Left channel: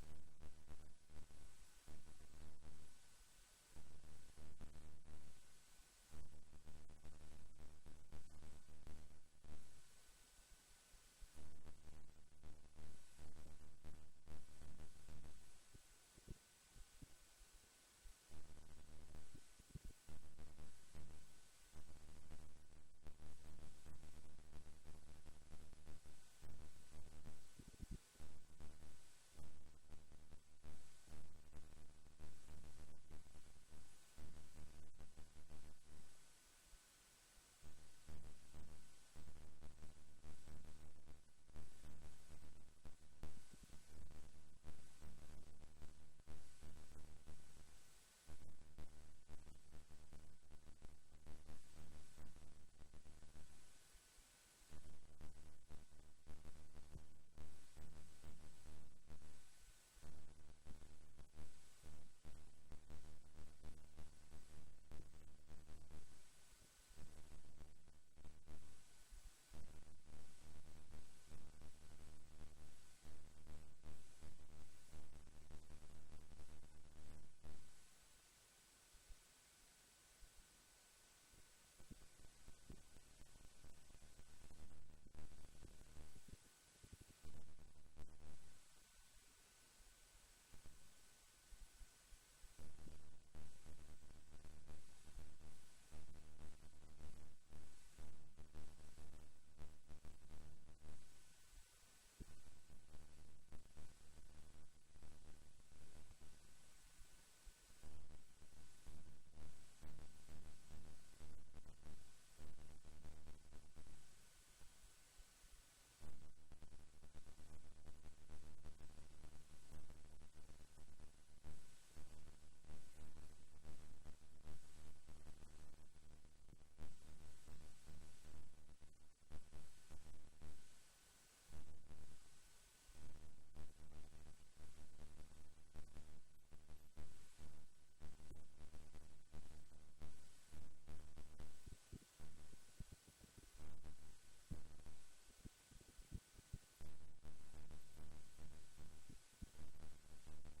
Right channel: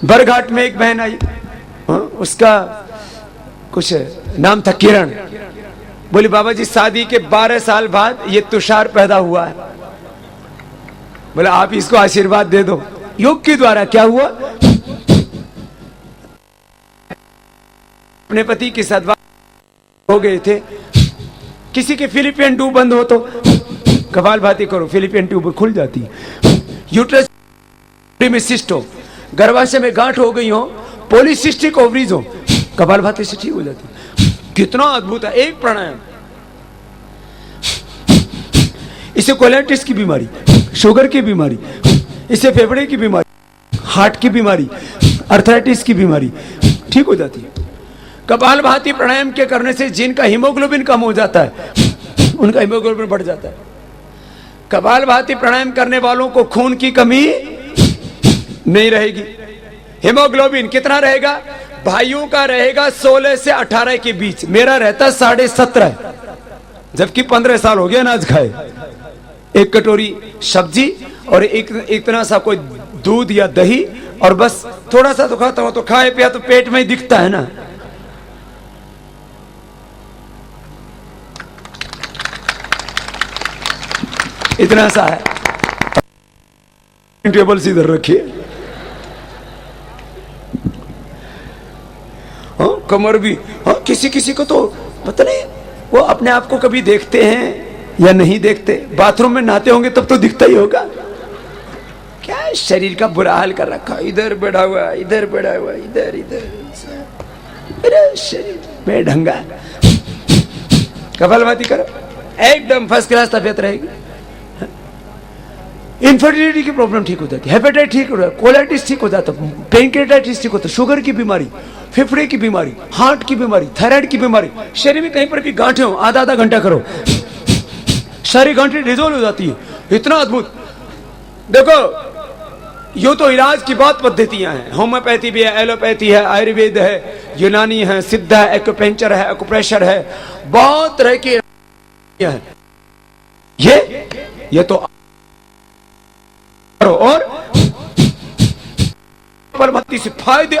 बरघाट में एक बहन आई, उसका कुछ नाम था किरण। बोली बाबा जी शादी के 12 साल बाद ये तुषार पैदा हुआ है। बोला आप इसको आशीर्वाद दे दो। योग के द्वारा क्या हुआ, अपने पति के साथ हो गए थे। किसी के फिलिपियन ट्यूब बंद हो तो कपालभाति करो, फिलिपियन ट्यूब खुल जाती है। यूट्रस में सिस्ट हो, गर्भाशय में गांठ हो गई हो, पॉलीसिस्टिक ओवरीज हो, कपालभाति से ठीक हो जाती है। कितना अद्भुत है एक प्राणायाम। इसे कोलाइटिस की बीमारी, शुगर की बीमारी, इससे फेफड़े की बीमारी, हार्ट की बीमारी, अर्थराइटिस की बीमारी ठीक हो जाती है। कपालभाति प्राणायाम के करने से जिनका हीमोग्लोबिन कम हो जाता है उनका हीमोग्लोबिन बढ़ जाता है। कपालभाति प्राणायाम करने वालों को खून की कमी नहीं रहेगी। हीमोग्लोबिन कितना रहेगा, भाइयों का रहेगा 16 से 18 के बीच, मेरा रहता 17.5, जबकि 15 साल हो गया अनाज खाए। एक कटोरी सब्जी और एक इतना सा कोई दूध या दही और बस थोड़ा सा तो खाता हो, तो खाए पिया तो पेट में ही दिखता है ना। इतना सा है, टेबल से इधर रखिए। हाँ कमर भी, हाँ किसी किसी को तो पता नहीं वो अपने आप को कभी देखते हैं या नहीं देखते। बाथरूम में नहाते होंगे तब तो दिखता ही होगा। क्या शरीर का बुरा हाल कर रखा, इधर बैठा हुआ, इधर बैठा हुआ, इधर इधर, मेरा शरीर बेढंगा। कपालभाति करो, एकदम फर्स्ट क्लास तबीयत रहेगी। इनफर्टिलिटी की प्रॉब्लम ठीक हो जाती है, हेपेटाइटिस ठीक हो जाता है, कोलाइटिस ठीक हो जाता है, पेनक्रियाटाइटिस ठीक होता है, शुगर की बीमारी, फेफड़े की बीमारी, हार्ट की बीमारी, थायराइड की बीमारी, शरीर में कहीं पर भी गांठें हो, आधा आधा घंटा करो, सारी गांठें रिजोल्व हो जाती है। इतना अद्भुत। देखो यो तो इलाज की बहुत पद्धतियां हैं, होम्योपैथी भी है, एलोपैथी है, आयुर्वेद है, यूनानी है, सिद्ध है, एक्यूपेंचर है, एक्यूप्रेशर है, बहुत तरह की है। ये तो और कपालभाति से फायदे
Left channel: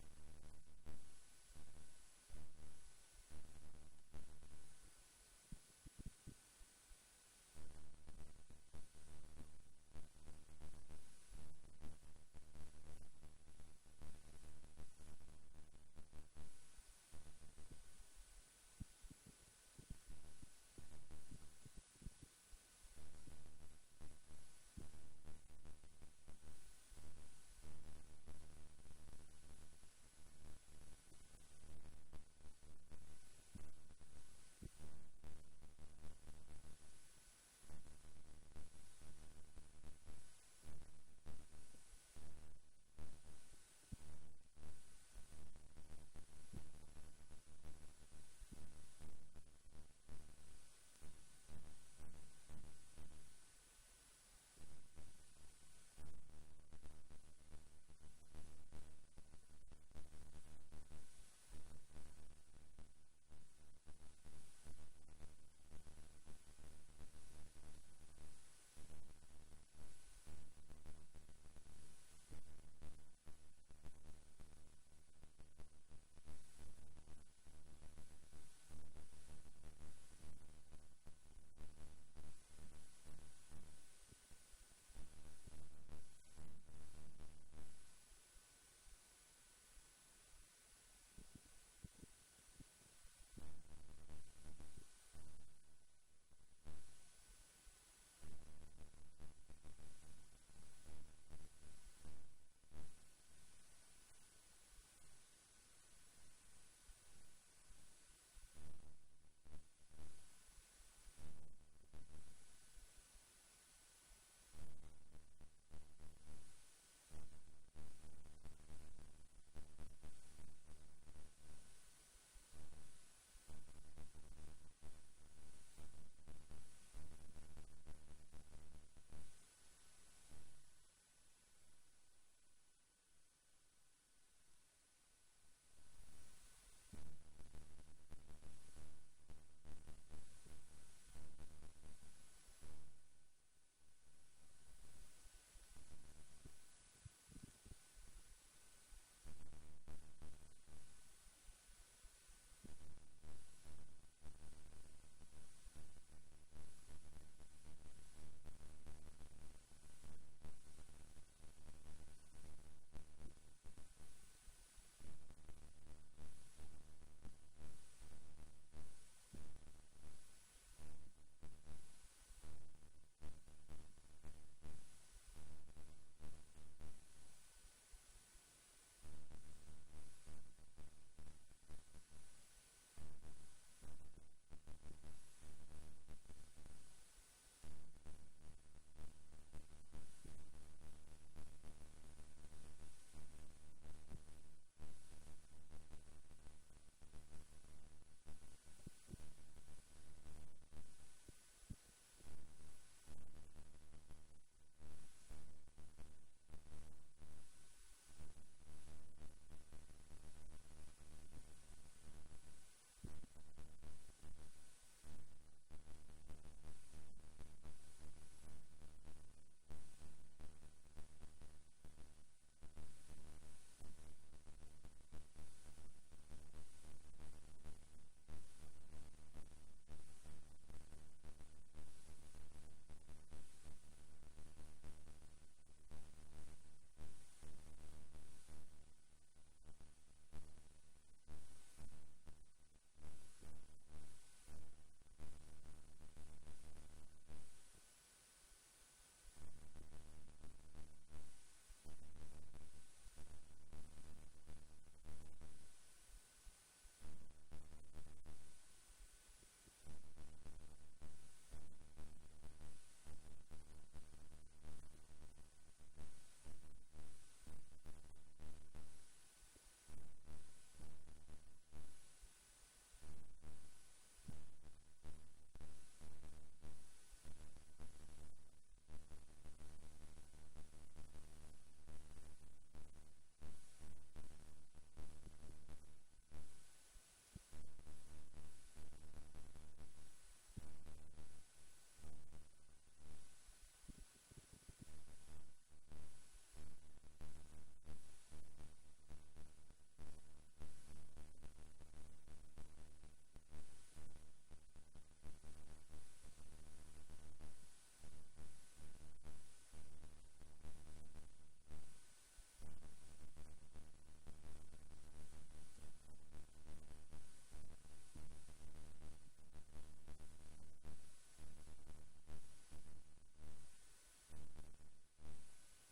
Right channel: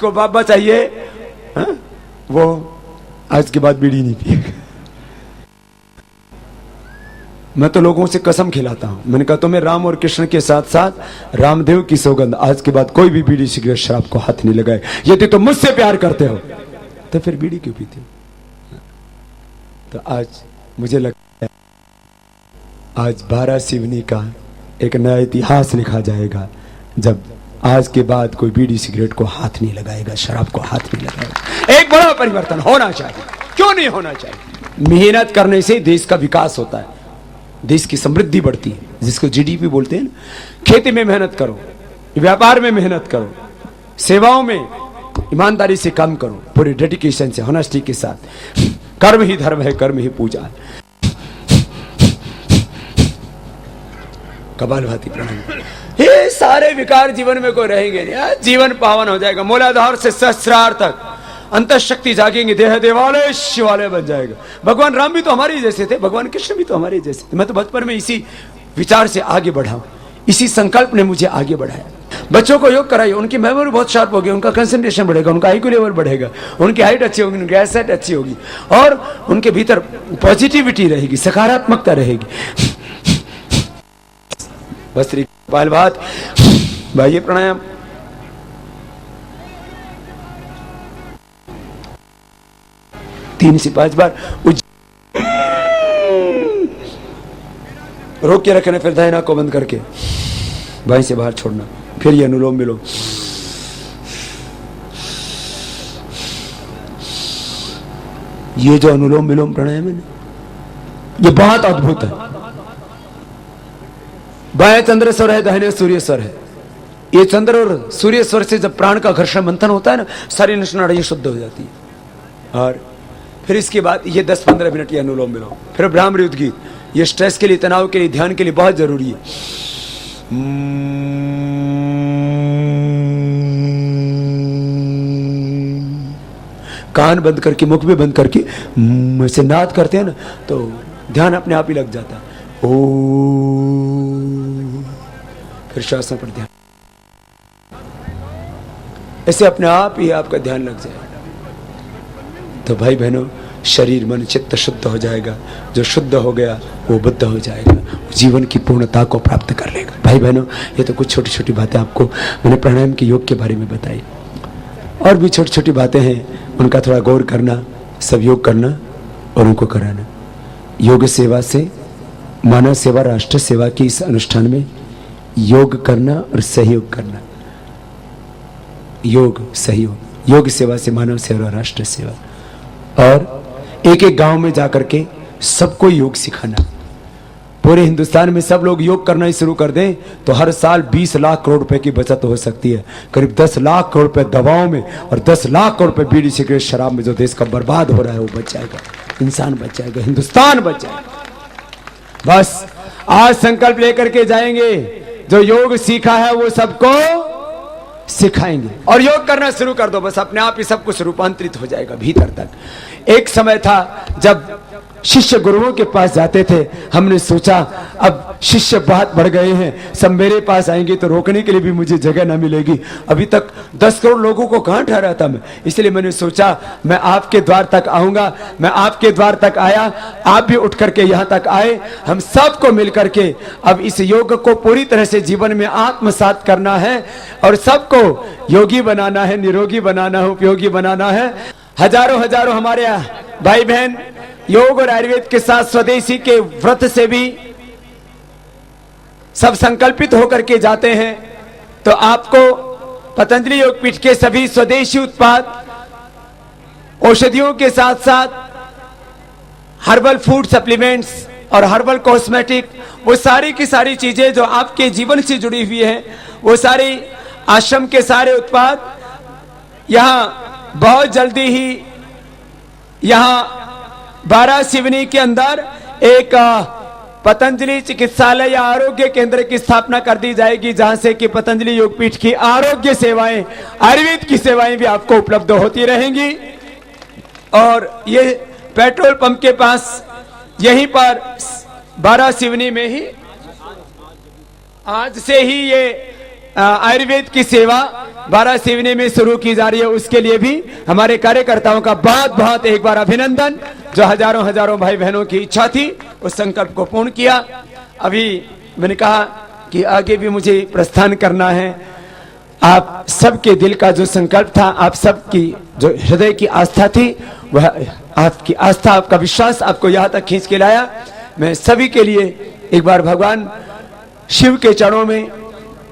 जिसको बाबा चाहिए हा? वो आज के बाद बीड़ी नहीं पिएगा। मैं तो लोगों से कसम खिलाता हूं, मैंने कहा तुम्हें राम और कृष्ण के साथ साथ रामदेव की सौगंध, आज के बाद कोई भी बीड़ी सिगरेट शराब को हाथ नहीं लगाए। यदि तुम मुझसे प्यार करते हो तो फिर बीड़ी क्यों पीते हो? तो आज मुझे लगता है आज 12 सिवनी का एक नया इतिहास लिखा जाएगा, जब आज के बाद कोई बीड़ी सिगरेट को हाथ नहीं लगाएगा, शराब को हाथ नहीं लगाएगा। एक बड़ा परिवर्तन होना चाहिए, क्यों नहीं होना चाहिए? मेहनत करने से देश का विकास होता है, देश की समृद्धि बढ़ती है, जिसको जीडीपी बोलते हैं ना। खेती में मेहनत करो, व्यापार में मेहनत करो, सेवाओं में ईमानदारी से काम करो, पूरे डेडिकेशन से, ऑनेस्टी के साथ। कर्म ही धर्म है, कर्म ही पूजा है। कपालभाति प्रणाम। ये सारे विकार जीवन में कोई रहेंगे नहीं, जीवन पावन हो जाएगा। मूलाधार से सहस्रार तक अंत शक्ति जागेंगे, देह देवालय शिवालय बन जाएगा। भगवान राम भी तो हमारे ही जैसे थे, भगवान कृष्ण भी तो हमारे ही जैसे थे। मैं तो बचपन में इसी विचार से आगे बढ़ा हूं, इसी संकल्प ने मुझे आगे बढ़ाया। बच्चों को योग कराइए, उनकी मेमोरी बहुत शार्प होगी, उनका कंसंट्रेशन बढ़ेगा, उनका आईक्यू लेवल बढ़ेगा, उनकी हाइट अच्छी होगी, उनकी एसेट अच्छी होगी, और उनके भीतर पॉजिटिविटी रहेगी, सकारात्मकता रहेगी। बस बाल बात भाई, प्राणायाम। तीन से 5 बार रोक के रखना, फिर दाहिना को बंद करके बाएं से बाहर छोड़ना, फिर ये अनुलोम विलोम। ये जो अनुलोम विलोम प्राणायाम है ना, ये बहुत अद्भुत है। बाएं चंद्र स्वर है, दाहिने सूर्य स्वर है। ये चंद्र और सूर्य स्वर से जब प्राण का घर्षण मंथन होता है ना, सारी नसनाड़ी शुद्ध हो जाती है। और फिर इसके बाद ये 10-15 मिनट ये अनुलोम विलोम, फिर ब्राह्मणी उद्गीत। ये स्ट्रेस के लिए, तनाव के लिए, ध्यान के लिए बहुत जरूरी है। कान बंद करके, मुख भी बंद करके ऐसे नाद करते हैं ना, तो ध्यान अपने आप ही लग जाता है। ओ, फिर श्वासों पर ध्यान, ऐसे अपने आप ही आपका ध्यान लग जाएगा। तो भाई बहनों, शरीर मन चित्त शुद्ध हो जाएगा। जो शुद्ध हो गया वो बुद्ध हो जाएगा, जीवन की पूर्णता को प्राप्त कर लेगा। भाई बहनों, ये तो कुछ छोटी छोटी बातें आपको मैंने प्राणायाम के योग के बारे में बताई। और भी छोटी छोटी बातें हैं, उनका थोड़ा गौर करना, सब योग करना और उनको कराना। योग सेवा से मानव सेवा, राष्ट्र सेवा की इस अनुष्ठान में योग करना और सहयोग करना। योग सहयोग, योग सेवा से मानव सेवा और राष्ट्र सेवा। और एक एक गांव में जाकर के सबको योग सिखाना। पूरे हिंदुस्तान में सब लोग योग करना ही शुरू कर दें तो हर साल 20 लाख करोड़ रुपए की बचत हो सकती है। करीब 10 लाख करोड़ रुपए दवाओं में और 10 लाख करोड़ रुपए बीड़ी सिगरेट शराब में जो देश का बर्बाद हो रहा है वो बच जाएगा, इंसान बच जाएगा, हिंदुस्तान बच जाएगा। बस आज संकल्प लेकर के जाएंगे, जो योग सीखा है वो सबको सिखाएंगे। और योग करना शुरू कर दो, बस अपने आप ही सब कुछ रूपांतरित हो जाएगा भीतर तक। एक समय था जब शिष्य गुरुओं के पास जाते थे, हमने सोचा अब शिष्य बहुत बढ़ गए हैं, सब मेरे पास आएंगे तो रोकने के लिए भी मुझे जगह ना मिलेगी। अभी तक 10 करोड़ लोगों को कहां ठहरा था मैं, इसलिए मैंने सोचा मैं आपके द्वार तक आऊंगा। मैं आपके द्वार तक आया, आप भी उठ करके यहां तक आए। हम सबको मिलकर के अब इस योग को पूरी तरह से जीवन में आत्मसात करना है और सबको योगी बनाना है, निरोगी बनाना है, उपयोगी बनाना है। हजारों हजारों हमारे भाई बहन योग और आयुर्वेद के साथ स्वदेशी के व्रत से भी सब संकल्पित होकर के जाते हैं। तो आपको पतंजलि योगपीठ के सभी स्वदेशी उत्पाद, औषधियों के साथ साथ हर्बल फूड सप्लीमेंट्स और हर्बल कॉस्मेटिक, वो सारी की सारी चीजें जो आपके जीवन से जुड़ी हुई है, वो सारी आश्रम के सारे उत्पाद यहां बहुत जल्दी ही यहां 12 सिवनी के अंदर एक पतंजलि चिकित्सालय या आरोग्य केंद्र की स्थापना कर दी जाएगी, जहां से कि पतंजलि योगपीठ की आरोग्य सेवाएं, आयुर्वेद की सेवाएं भी आपको उपलब्ध होती रहेंगी। और ये पेट्रोल पंप के पास यहीं पर 12 सिवनी में ही आज से ही ये आयुर्वेद की सेवा वारासिवनी में शुरू की जा रही है, उसके लिए भी हमारे कार्यकर्ताओं का बहुत बहुत एक बार अभिनंदन। जो हजारों हजारों भाई बहनों की इच्छा थी उस संकल्प को पूर्ण किया। अभी मैंने कहा कि आगे भी मुझे प्रस्थान करना है। आप सबके दिल का जो संकल्प था, आप सबकी जो हृदय की आस्था थी, वह आपकी आस्था, आपका विश्वास आपको यहाँ तक खींच के लाया। मैं सभी के लिए एक बार भगवान शिव के चरणों में,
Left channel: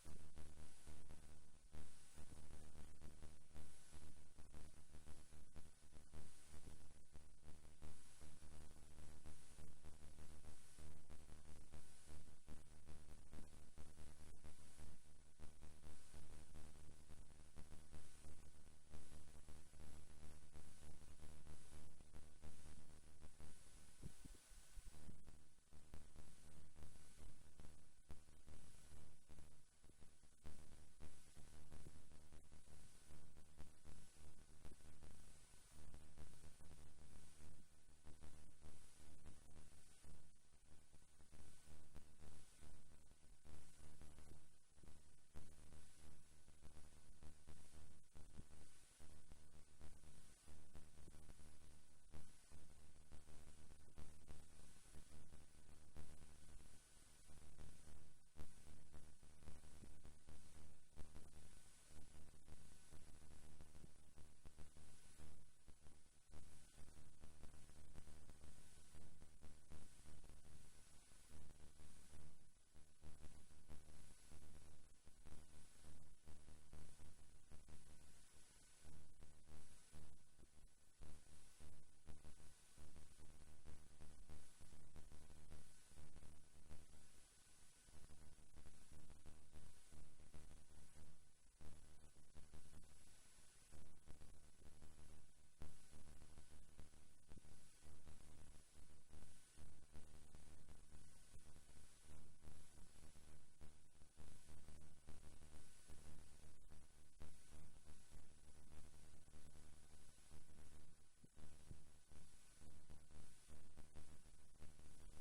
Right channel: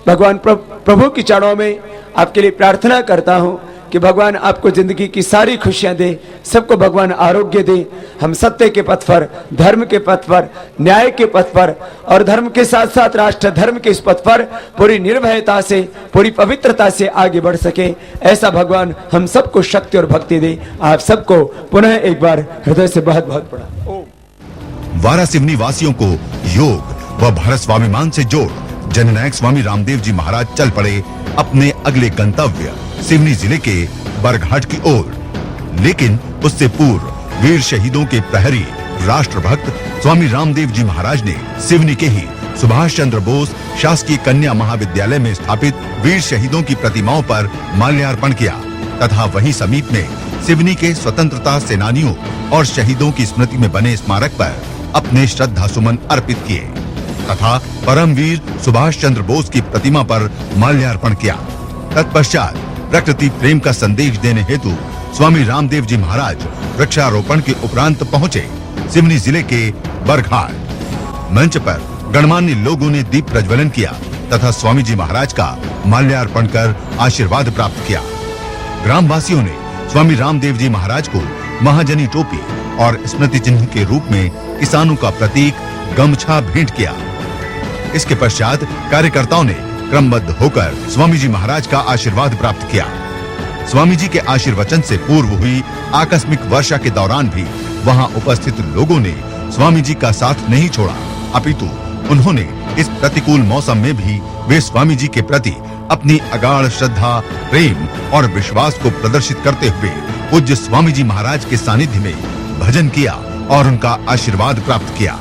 भगवान प्रभु के चरणों में आपके लिए प्रार्थना करता हूँ कि भगवान आपको जिंदगी की सारी खुशियां दे, सबको भगवान आरोग्य दे। हम सत्य के पथ पर, धर्म के पथ पर, न्याय के पथ पर और धर्म के साथ साथ राष्ट्र धर्म के इस पथ पर पूरी निर्भयता से, पूरी पवित्रता से आगे बढ़ सके, ऐसा भगवान हम सबको शक्ति और भक्ति दे। आप सबको पुनः एक बार हृदय से बहुत बहुत प्रणाम। वारासिवनी वासियों को योग व भारत स्वाभिमान से जोड़ जननायक स्वामी रामदेव जी महाराज चल पड़े अपने अगले गंतव्य सिवनी जिले के बरघाट की ओर। लेकिन उससे पूर्व वीर शहीदों के प्रहरी राष्ट्रभक्त स्वामी रामदेव जी महाराज ने सिवनी के ही सुभाष चंद्र बोस शासकीय कन्या महाविद्यालय में स्थापित वीर शहीदों की प्रतिमाओं पर माल्यार्पण किया तथा वहीं समीप में सिवनी के स्वतंत्रता सेनानियों और शहीदों की स्मृति में बने स्मारक पर अपने श्रद्धा सुमन अर्पित किए तथा परमवीर सुभाष चंद्र बोस की प्रतिमा पर माल्यार्पण किया। तत्पश्चात प्रकृति प्रेम का संदेश देने हेतु स्वामी रामदेव जी महाराज वृक्षारोपण के उपरांत पहुंचे सिवनी जिले के बरघाट। मंच पर गणमान्य लोगों ने दीप प्रज्वलन किया तथा स्वामी जी महाराज का माल्यार्पण कर आशीर्वाद प्राप्त किया। ग्रामवासियों ने स्वामी रामदेव जी महाराज को महाजनी टोपी और स्मृति चिन्ह के रूप में किसानों का प्रतीक गमछा भेंट किया। इसके पश्चात कार्यकर्ताओं ने क्रमबद्ध होकर स्वामी जी महाराज का आशीर्वाद प्राप्त किया। स्वामी जी के आशीर्वचन से पूर्व हुई आकस्मिक वर्षा के दौरान भी वहां उपस्थित लोगों ने स्वामी जी का साथ नहीं छोड़ा, अपितु उन्होंने इस प्रतिकूल मौसम में भी वे स्वामी जी के प्रति अपनी अगाध श्रद्धा, प्रेम और विश्वास को प्रदर्शित करते हुए पूज्य स्वामी जी महाराज के सानिध्य में भजन किया और उनका आशीर्वाद प्राप्त किया।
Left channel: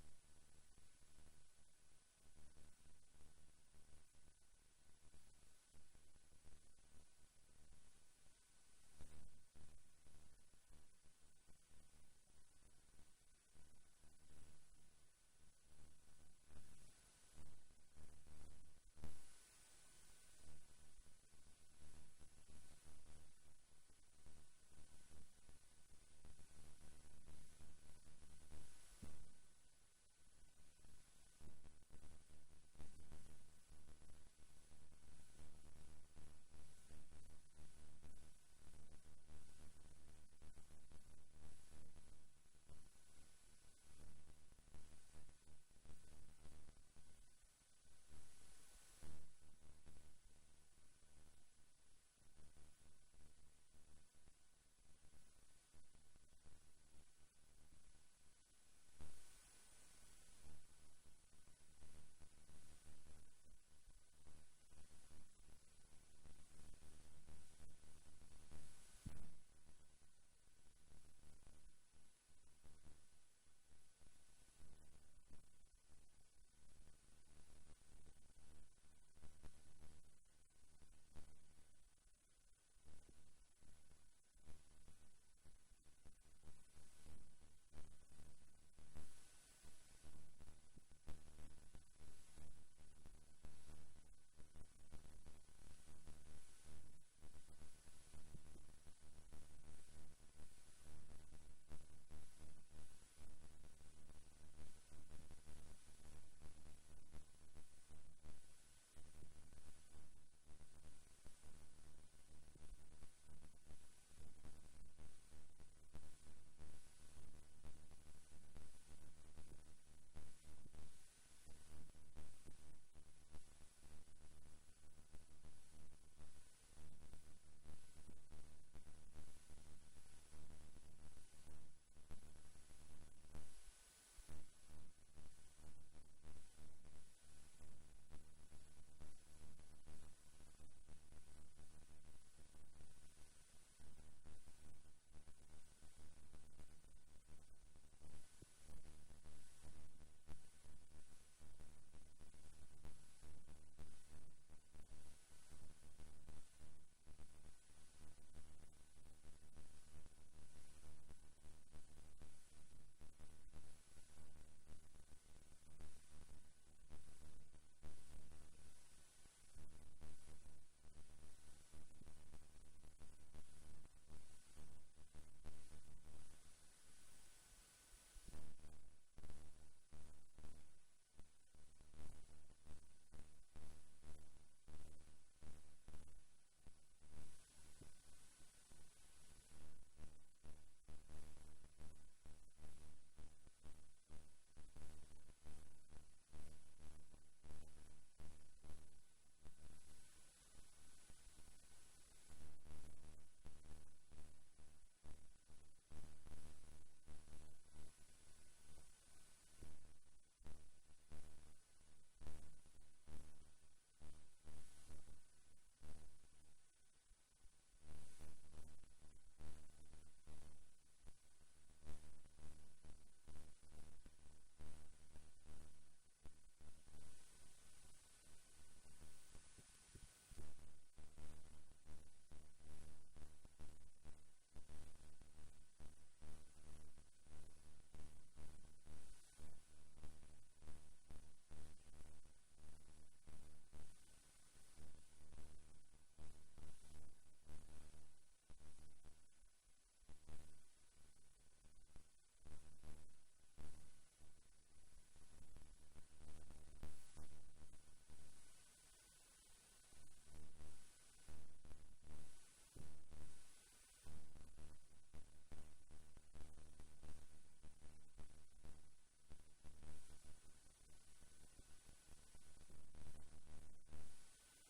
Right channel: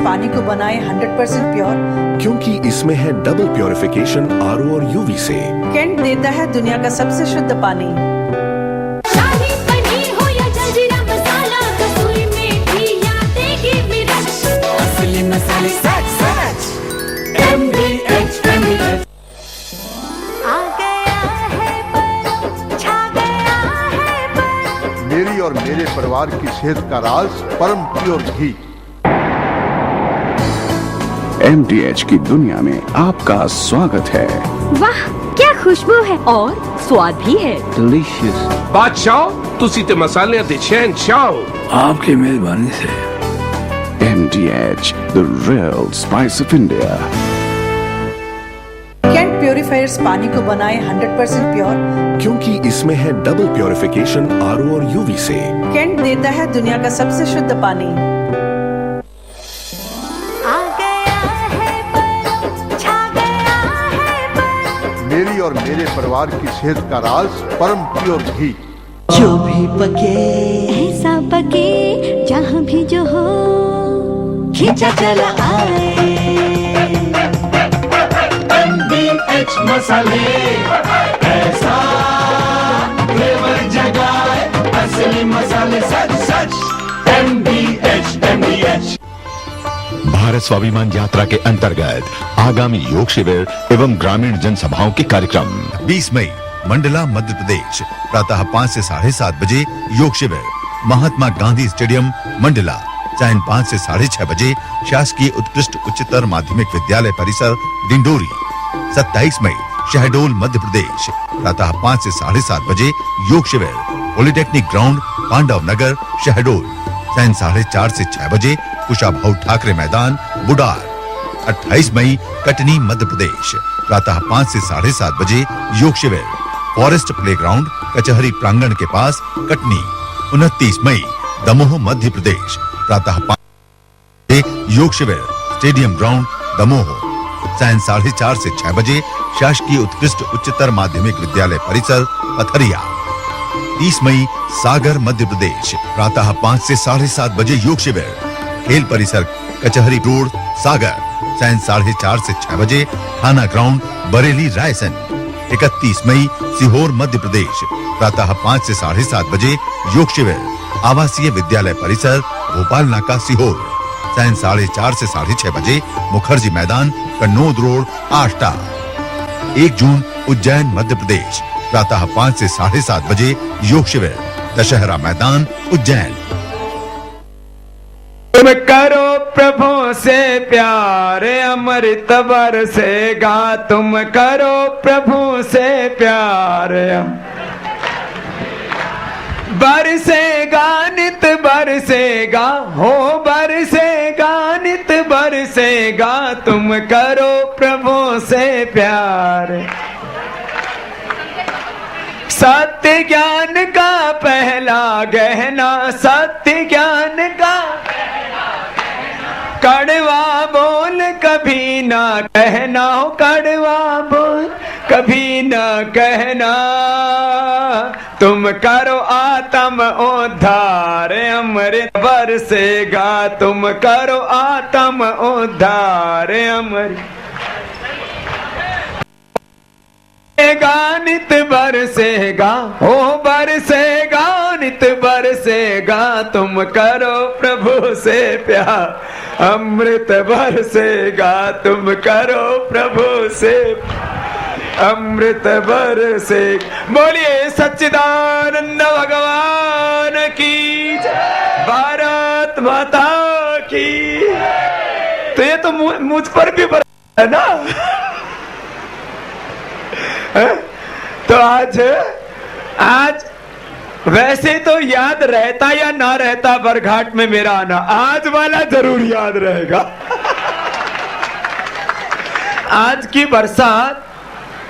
पानी को बनाए 100% प्योर, क्योंकि इसमें है डबल प्योरिफिकेशन आरओ और यूवी से। कैंट देता है दुनिया का सबसे शुद्ध पानी। शाही पनीर हो या जलजीरा मसाला, कसूरी मेथी या देगी मिर्च, असली मसाले सच MDH। आ गया है पर, छा गया है पर। मेरी और मेरे परिवार की सेहत का राज परम प्योर घी। MDH की दुनिया में आपका स्वागत है। वाह क्या खुशबू है और स्वाद भी है। डिलीशियस। बादशाह तुसी ते मसाले ते शहंशाह। आपकी मेहरबानी से। MDH, the real spice of India। Kent purifiers पानी को बनाए 100% प्योर, क्योंकि इसमें है डबल प्योरिफिकेशन आरओ और यूवी से। कैंट देता है दुनिया का सबसे शुद्ध पानी। मेरी और मेरे परिवार की सेहत का राज परम प्योर घी। जो भी पके ऐसा पके जहाँ भी जो हो, खींचा चला आए। MDH मसाले ऐसा फ्लेवर जगाए, असली मसाले सच MDH। भारत स्वाभिमान यात्रा के अंतर्गत आगामी योग शिविर एवं ग्रामीण जनसभाओं के कार्यक्रम 20 मई मंडला मध्य प्रदेश प्रातः 5 से 7:30 बजे योग शिविर महात्मा गांधी स्टेडियम मंडला। सायं 5 से 6:30 बजे शासकीय उत्कृष्ट उच्चतर माध्यमिक विद्यालय परिसर डिंडोरी। 27 मई शहडोल मध्य प्रदेश प्रातः 5 से 7:30 बजे योग शिविर पॉलिटेक्निक ग्राउंड पांडव नगर शहडोल। सायं 4:30 से 6 बजे कुशाभाऊ ठाकरे मैदान बुडार। 28 मई कटनी मध्य प्रदेश प्रातः 5 से 7:30 बजे योग शिविर फॉरेस्ट प्लेग्राउंड कचहरी प्रांगण के पास कटनी। 29 मई दमोह मध्य प्रदेश प्रातः 5 बजे योग शिविर स्टेडियम ग्राउंड दमोह। सायं 4:30 से 6 बजे शासकीय उत्कृष्ट उच्चतर माध्यमिक विद्यालय परिसर पथरिया। 30 मई सागर मध्य प्रदेश प्रातः 5 से 7:30 बजे योग शिविर खेल परिसर कचहरी रोड सागर। सायं 4:30 से 6 बजे थाना ग्राउंड बरेली रायसन। 31 मई सीहोर मध्य प्रदेश प्रातः 5 से 7:30 बजे योग शिविर आवासीय विद्यालय परिसर भोपाल नाका सीहोर। सायं 4:30 से 6:30 बजे मुखर्जी मैदान कन्नौद रोड आष्टा। 1 जून उज्जैन मध्य प्रदेश प्रातः 5 से 7:30 बजे योग शिविर दशहरा मैदान उज्जैन। तुम करो प्रभु से प्यार अमृत बरसेगा, तुम करो प्रभु से प्यार बरसेगा नित बरसेगा, हो बरसेगा नित बरसेगा, तुम करो प्रभु से प्यार। सत्य ज्ञान का पहला गहना, सत्य ज्ञान का कड़वा बोल कभी ना कहना, हो कड़वा बोल कभी ना कहना, तुम करो आत्म उद्धार अमृत बरसेगा, तुम करो आत्म उद्धार अमृत नित बरसेगा, हो बरसेगा नित बरसेगा, तुम करो प्रभु से प्यार अमृत बरसेगा, तुम करो प्रभु से अमृत बरसे। बोलिए सच्चिदानंद भगवान की जय, भारत माता की। तो ये तो मुझ पर भी बरसा है ना। तो आज वैसे तो याद रहता या ना रहता बरघाट में मेरा आना, आज वाला जरूर याद रहेगा। आज की बरसात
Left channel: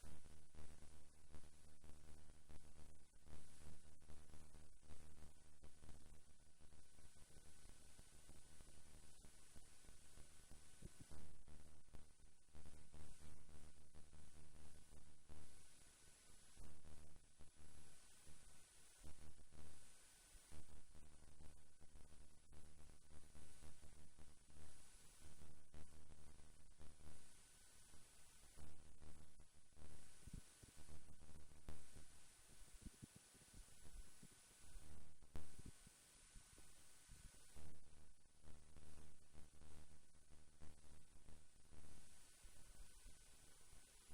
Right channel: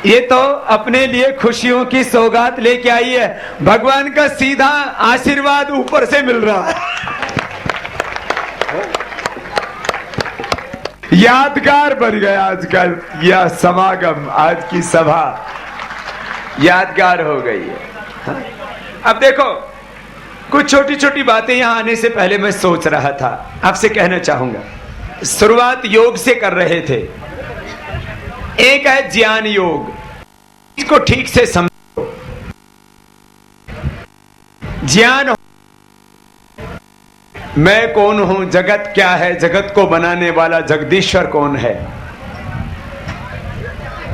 ये तो अपने लिए खुशियों की सौगात लेके आई है, भगवान का सीधा आशीर्वाद ऊपर से मिल रहा है। यादगार बन गया आज का यह समागम, आज की सभा यादगार हो गई है। अब देखो कुछ छोटी छोटी बातें यहां आने से पहले मैं सोच रहा था, आपसे कहना चाहूंगा। शुरुआत योग से कर रहे थे। एक है ज्ञान योग, इसको ठीक से समझो। ज्ञान मैं कौन हूं, जगत क्या है, जगत को बनाने वाला जगदीश्वर कौन है।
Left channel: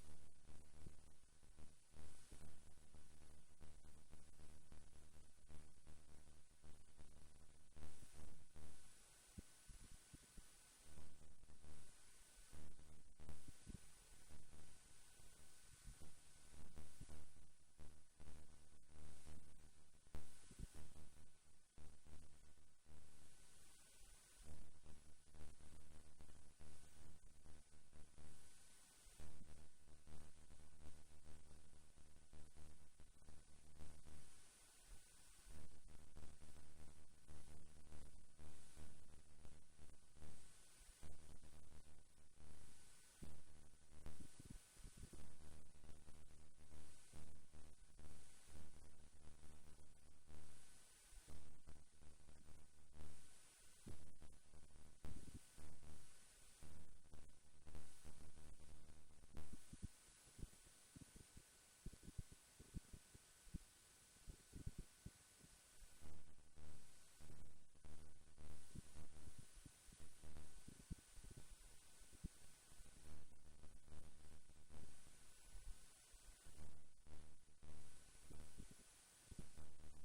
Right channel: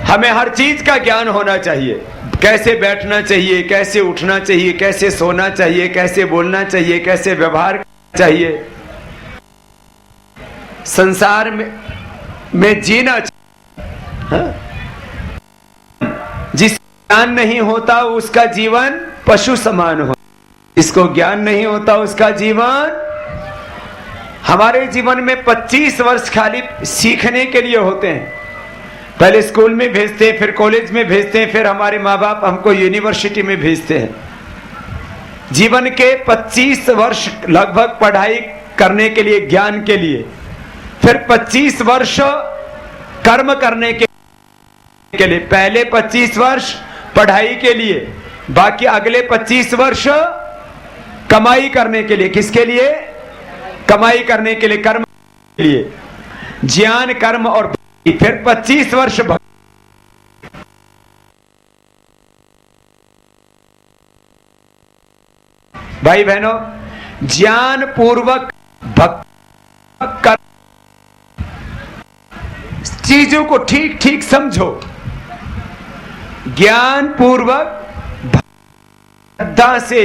हमें हर चीज का ज्ञान होना चाहिए। कैसे बैठना चाहिए, कैसे उठना चाहिए, कैसे सोना चाहिए, कैसे बोलना चाहिए, कैसे व्यवहार करना चाहिए, संसार में जीना चाहिए। हाँ? जिस ज्ञान नहीं होता उसका जीवन पशु समान हो, जिसको ज्ञान नहीं होता उसका जीवन। हमारे जीवन में 25 वर्ष खाली सीखने के लिए होते हैं। पहले स्कूल में भेजते हैं, फिर कॉलेज में भेजते हैं, फिर हमारे माँ बाप हमको यूनिवर्सिटी में भेजते हैं। जीवन के 25 वर्ष लगभग पढ़ाई करने के लिए, ज्ञान के लिए, फिर 25 वर्ष कर्म करने के लिए। पहले 25 वर्ष पढ़ाई के लिए, बाकी अगले 25 वर्ष कमाई करने के लिए। किसके लिए? कमाई करने के लिए, कर्म के लिए। ज्ञान, कर्म और फिर 25 वर्ष भाई बहनों, ज्ञान पूर्वक भक्ति, चीजों को ठीक ठीक समझो। ज्ञान पूर्वक श्रद्धा से,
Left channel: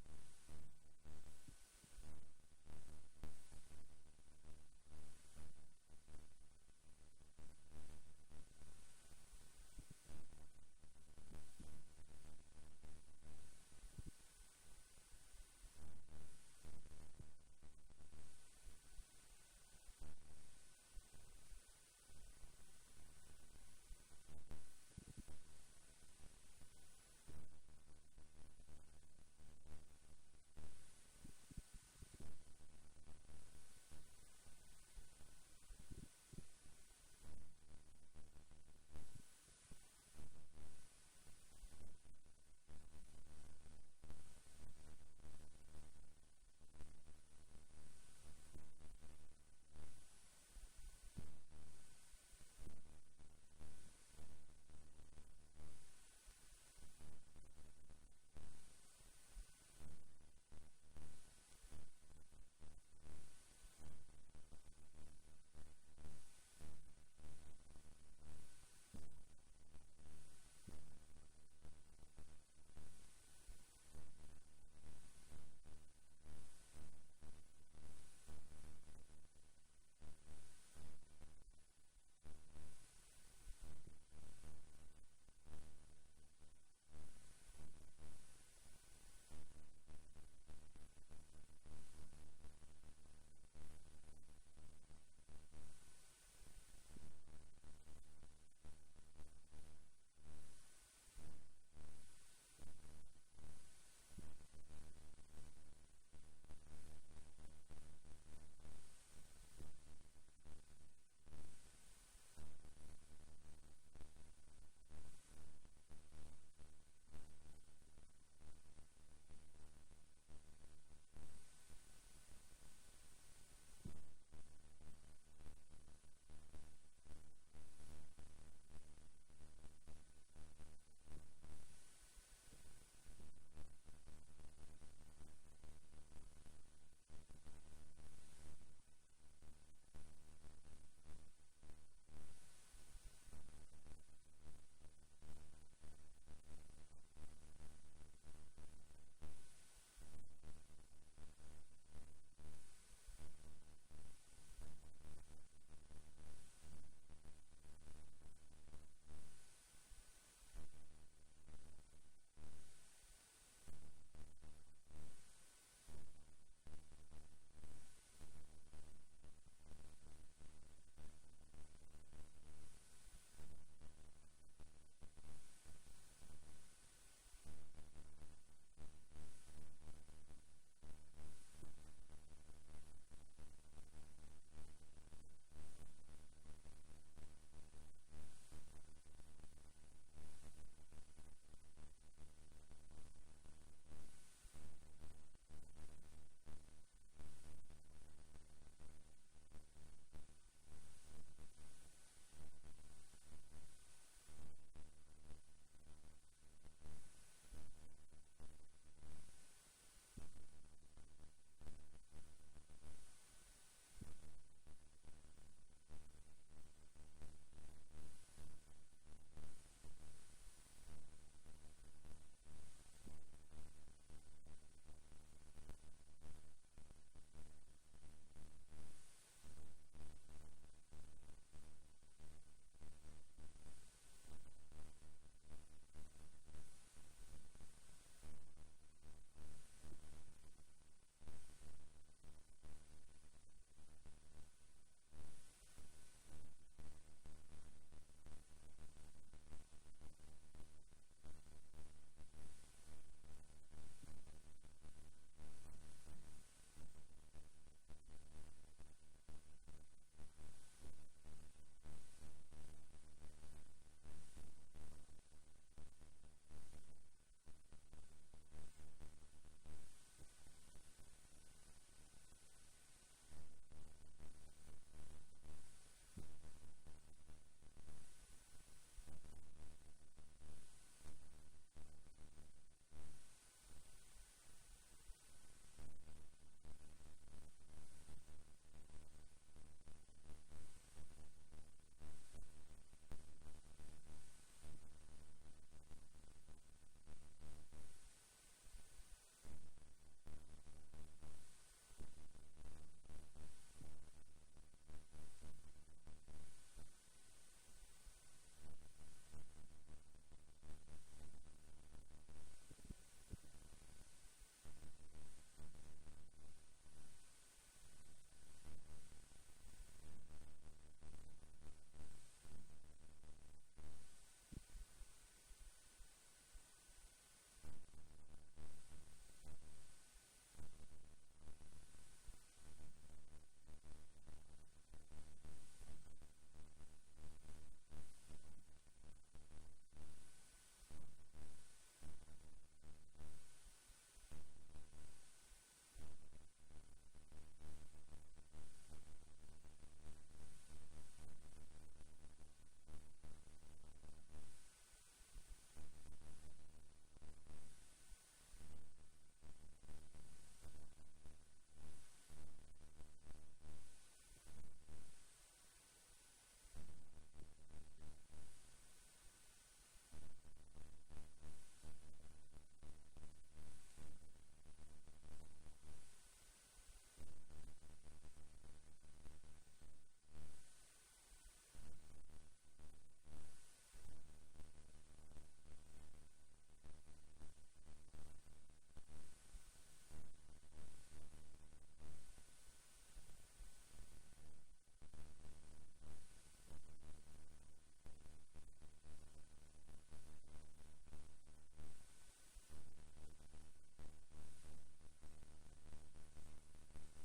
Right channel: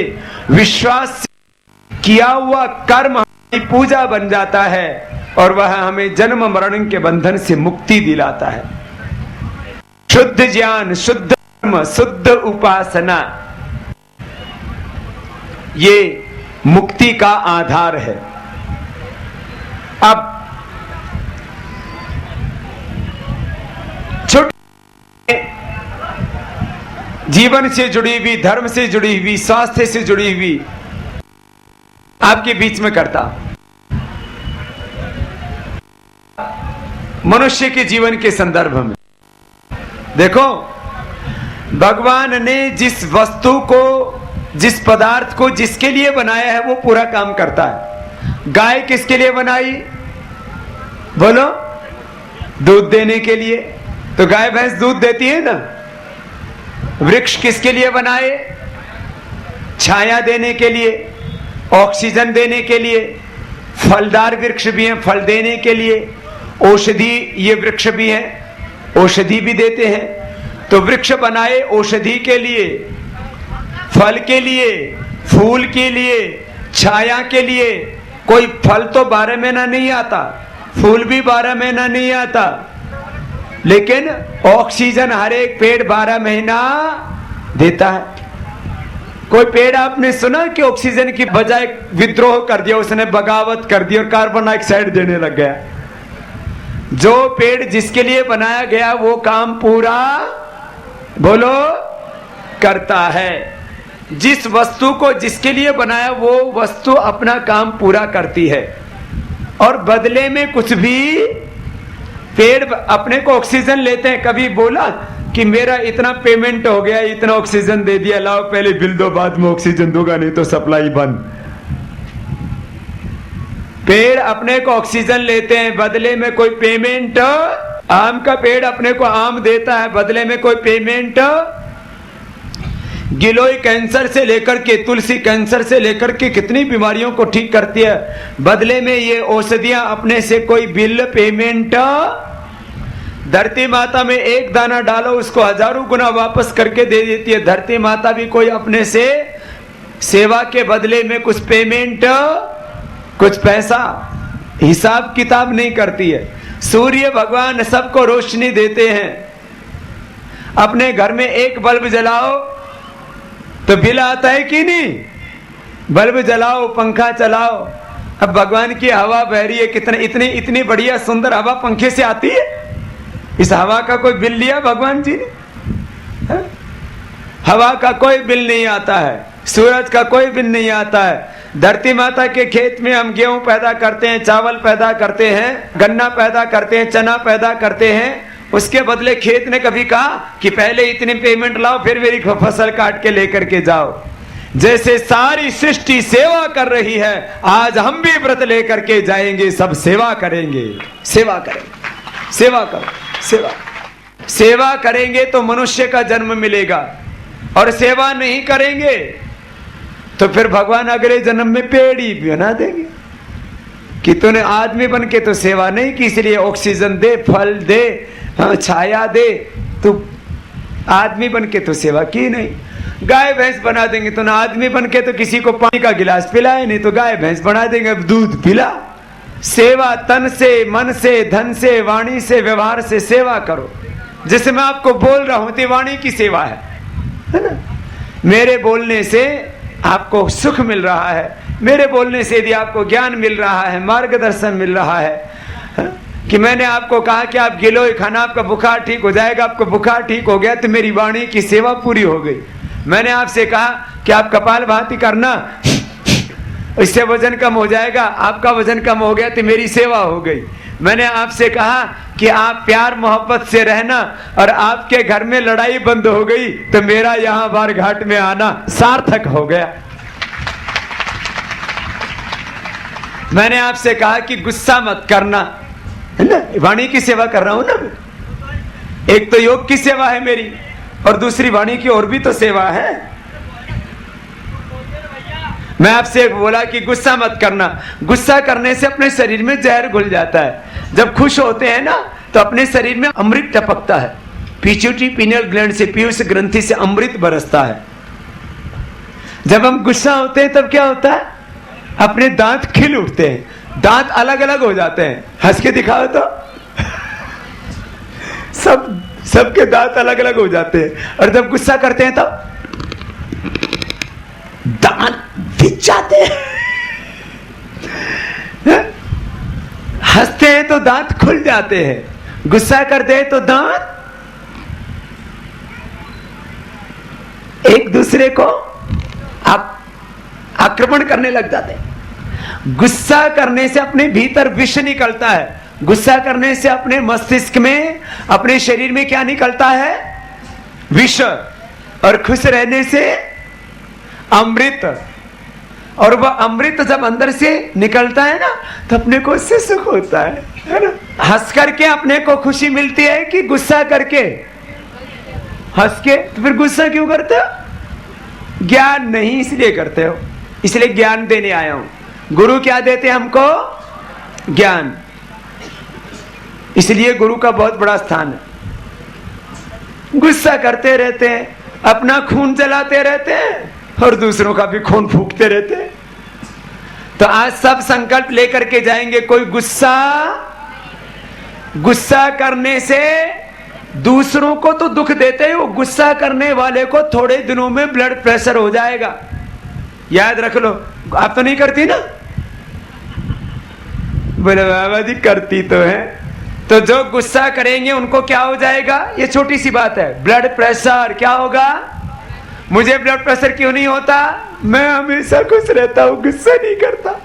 विश्वास से किया हुआ कर्म हमारी पूजा बन जाता है और वह हमें जन्म मरण के बंधन से मुक्ति दिलाता है। शुद्ध ज्ञान, शुद्ध कर्म, शुद्ध उपासना, ये मुक्ति का आधार है। अब छोटे जीवन से जुड़ी हुई, धर्म से जुड़ी हुई, स्वास्थ्य से जुड़ी हुई आपके बीच में करता। मनुष्य के जीवन के संदर्भ में। देखो, भगवान ने जिस वस्तु को, जिस पदार्थ को जिसके लिए बनाया है वो पूरा काम करता है। गाय किसके लिए बनाई? बोलो, दूध देने के लिए। तो गाय भैंस दूध देती है ना। वृक्ष किसके लिए बनाए? छाया देने के लिए, ऑक्सीजन देने के लिए। फलदार वृक्ष भी हैं, फल देने के लिए। औषधि ये वृक्ष भी हैं, औषधि भी देते हैं। तो वृक्ष बनाए औषधि के लिए, फल के लिए, फूल के लिए, छाया के लिए। कोई फल तो 12 महीना नहीं आता, फूल भी 12 महीना नहीं आता, लेकिन ऑक्सीजन हर एक पेड़ 12 महीना देता है। कोई पेड़ आपने सुना कि ऑक्सीजन की बजाय विद्रोह कर दिया, उसने बगावत कर दी और कार्बन डाइऑक्साइड देने लग गया? जो पेड़ जिसके लिए बनाया गया वो काम पूरा, बोलो, करता है। जिस वस्तु को जिसके लिए बनाया वो वस्तु अपना काम पूरा करती है, और बदले में कुछ भी पेड़ अपने को ऑक्सीजन लेते हैं। कभी बोला कि मेरा इतना पेमेंट हो गया, इतना ऑक्सीजन दे दिया, लाओ पहले बिल दो, बाद में ऑक्सीजन दूंगा, नहीं तो सप्लाई बंद। पेड़ अपने को ऑक्सीजन लेते हैं, बदले में कोई पेमेंट। आम का पेड़ अपने को आम देता है, बदले में कोई पेमेंट। गिलोय कैंसर से लेकर के, तुलसी कैंसर से लेकर के कितनी बीमारियों को ठीक करती है, बदले में ये औषधियां अपने से कोई बिल, पेमेंट। धरती माता में एक दाना डालो, उसको हजारों गुना वापस करके दे देती है। धरती माता भी कोई अपने से सेवा के बदले में कुछ पेमेंट, कुछ पैसा, हिसाब किताब नहीं करती है। सूर्य भगवान सबको रोशनी देते हैं। अपने घर में एक बल्ब जलाओ तो बिल आता है कि नहीं? बल्ब जलाओ, पंखा चलाओ। अब भगवान की हवा बह रही है, कितने इतनी बढ़िया सुंदर हवा पंखे से आती है। इस हवा का कोई बिल लिया भगवान जी ने? हवा का कोई बिल नहीं आता है, सूरज का कोई बिल नहीं आता है। धरती माता के खेत में हम गेहूं पैदा करते हैं, चावल पैदा करते हैं, गन्ना पैदा करते हैं, चना पैदा करते हैं। उसके बदले खेत ने कभी कहा कि पहले इतनी पेमेंट लाओ, फिर मेरी फसल काट के लेकर के जाओ। जैसे सारी सृष्टि सेवा कर रही है, आज हम भी व्रत लेकर के जाएंगे, सब सेवा करेंगे। सेवा करेंगे, सेवा करो, सेवा। सेवा करेंगे तो मनुष्य का जन्म मिलेगा, और सेवा नहीं करेंगे तो फिर भगवान अगले जन्म में पेड़ ही बना देंगे कि तूने आदमी बन के तो सेवा नहीं की, इसलिए ऑक्सीजन दे, फल दे, छाया दे, तू आदमी बन के तो सेवा की नहीं। गाय भैंस बना देंगे, तूने आदमी बन के तो किसी को पानी का गिलास पिलाए नहीं, तो गाय भैंस बना देंगे, दूध पिला। सेवा तन से, मन से, धन से, वाणी से, व्यवहार से सेवा करो। जैसे मैं आपको बोल रहा हूं तो वाणी की सेवा है ना? मेरे बोलने से आपको सुख मिल रहा है, मेरे बोलने से यदि आपको ज्ञान मिल रहा है, मार्गदर्शन मिल रहा है, कि मैंने आपको कहा कि आप गिलोय खाना, आपका बुखार ठीक हो जाएगा, आपको बुखार ठीक हो गया, तो मेरी वाणी की सेवा पूरी हो गई। मैंने आपसे कहा कि आप कपालभाति करना, इससे वजन कम हो जाएगा, आपका वजन कम हो गया, तो मेरी सेवा हो गई। मैंने आपसे कहा कि आप प्यार मोहब्बत से रहना, और आपके घर में लड़ाई बंद हो गई, तो मेरा यहां बार घाट में आना सार्थक हो गया। मैंने आपसे कहा कि गुस्सा मत करना, है ना? वाणी की सेवा कर रहा हूं ना। एक तो योग की सेवा है मेरी, और दूसरी वाणी की और भी तो सेवा है। मैं आपसे बोला कि गुस्सा मत करना। गुस्सा करने से अपने शरीर में जहर घुल जाता है। जब खुश होते हैं ना तो अपने शरीर में अमृत टपकता है, पिट्यूटरी पिनियल ग्लैंड से, पीयूष ग्रंथि से अमृत बरसता है। जब हम गुस्सा होते हैं तब क्या होता है? अपने दांत खिल उठते हैं, दांत अलग अलग हो जाते हैं। हंस के दिखाओ तो सबके दांत अलग अलग हो जाते हैं। और जब गुस्सा करते हैं तब दांत बिछ जाते हैं। हंसते हैं तो दांत खुल जाते हैं, गुस्सा करते हैं तो दांत एक दूसरे को आक्रमण करने लग जाते हैं। गुस्सा करने से अपने भीतर विष निकलता है, गुस्सा करने से अपने मस्तिष्क में, अपने शरीर में क्या निकलता है? विष। और खुश रहने से अमृत। और वह अमृत जब अंदर से निकलता है ना, तो अपने को उससे सुख होता है ना। हंस करके अपने को खुशी मिलती है कि गुस्सा करके? हंस के। तो फिर गुस्सा क्यों करते हो? ज्ञान नहीं इसलिए करते हो। इसलिए ज्ञान देने आया हूं। गुरु क्या देते हैं हमको? ज्ञान। इसलिए गुरु का बहुत बड़ा स्थान है। गुस्सा करते रहते हैं, अपना खून जलाते रहते हैं और दूसरों का भी खून फूकते रहते हैं। तो आज सब संकल्प लेकर के जाएंगे, कोई गुस्सा करने से दूसरों को तो दुख देते हैं, वो गुस्सा करने वाले को थोड़े दिनों में ब्लड प्रेशर हो जाएगा। याद रख लो। आप तो नहीं करती ना? बोले बाबा जी करती तो है। तो जो गुस्सा करेंगे उनको क्या हो जाएगा? ये छोटी सी बात है, ब्लड प्रेशर। क्या होगा? मुझे ब्लड प्रेशर क्यों नहीं होता? मैं हमेशा खुश रहता हूं, गुस्सा नहीं करता।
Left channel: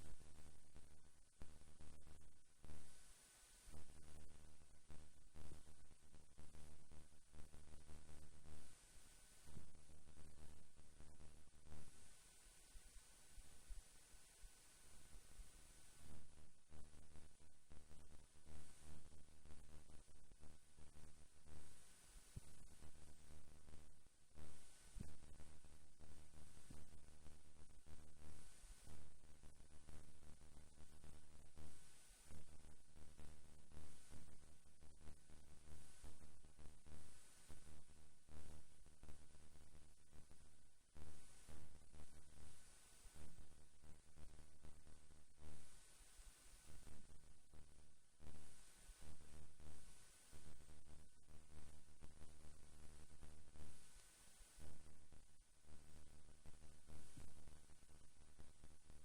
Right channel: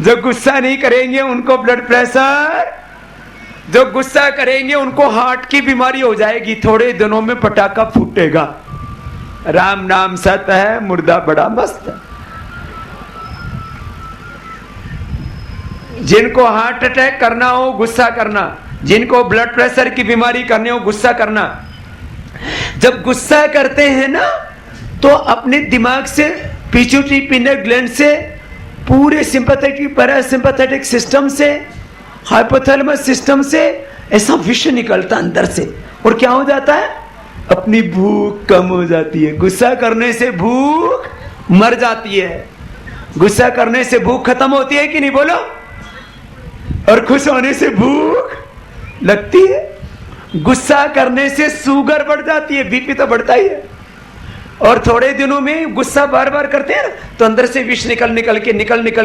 जो गुस्सा नहीं करेंगे उनको ब्लड प्रेशर, जो गुस्सा करेंगे उनको हार्ट की बीमारी हो जाएगी, थोड़े दिनों में पटाखा फूटेगा। राम नाम सत है, मुर्दा बड़ा मस्त है। जिनको हार्ट अटैक करना हो गुस्सा करना, जिनको ब्लड प्रेशर की बीमारी करनी हो गुस्सा करना। जब गुस्सा करते हैं ना, तो अपने दिमाग से, पिट्यूटरी पिनियल ग्लैंड से, पूरे सिंपैथेटिक पैरासिम्पैथेटिक सिस्टम से, हाइपोथैलेमस सिस्टम से ऐसा विष निकलता अंदर से। और क्या हो जाता है? अपनी भूख कम हो जाती है। गुस्सा करने से भूख मर जाती है। गुस्सा करने से भूख खत्म होती है कि नहीं? बोलो। और खुश होने से भूख लगती है। गुस्सा करने से शुगर बढ़ जाती है, बीपी तो बढ़ता ही है। और थोड़े दिनों में गुस्सा बार बार करते हैं ना, तो अंदर से विष निकल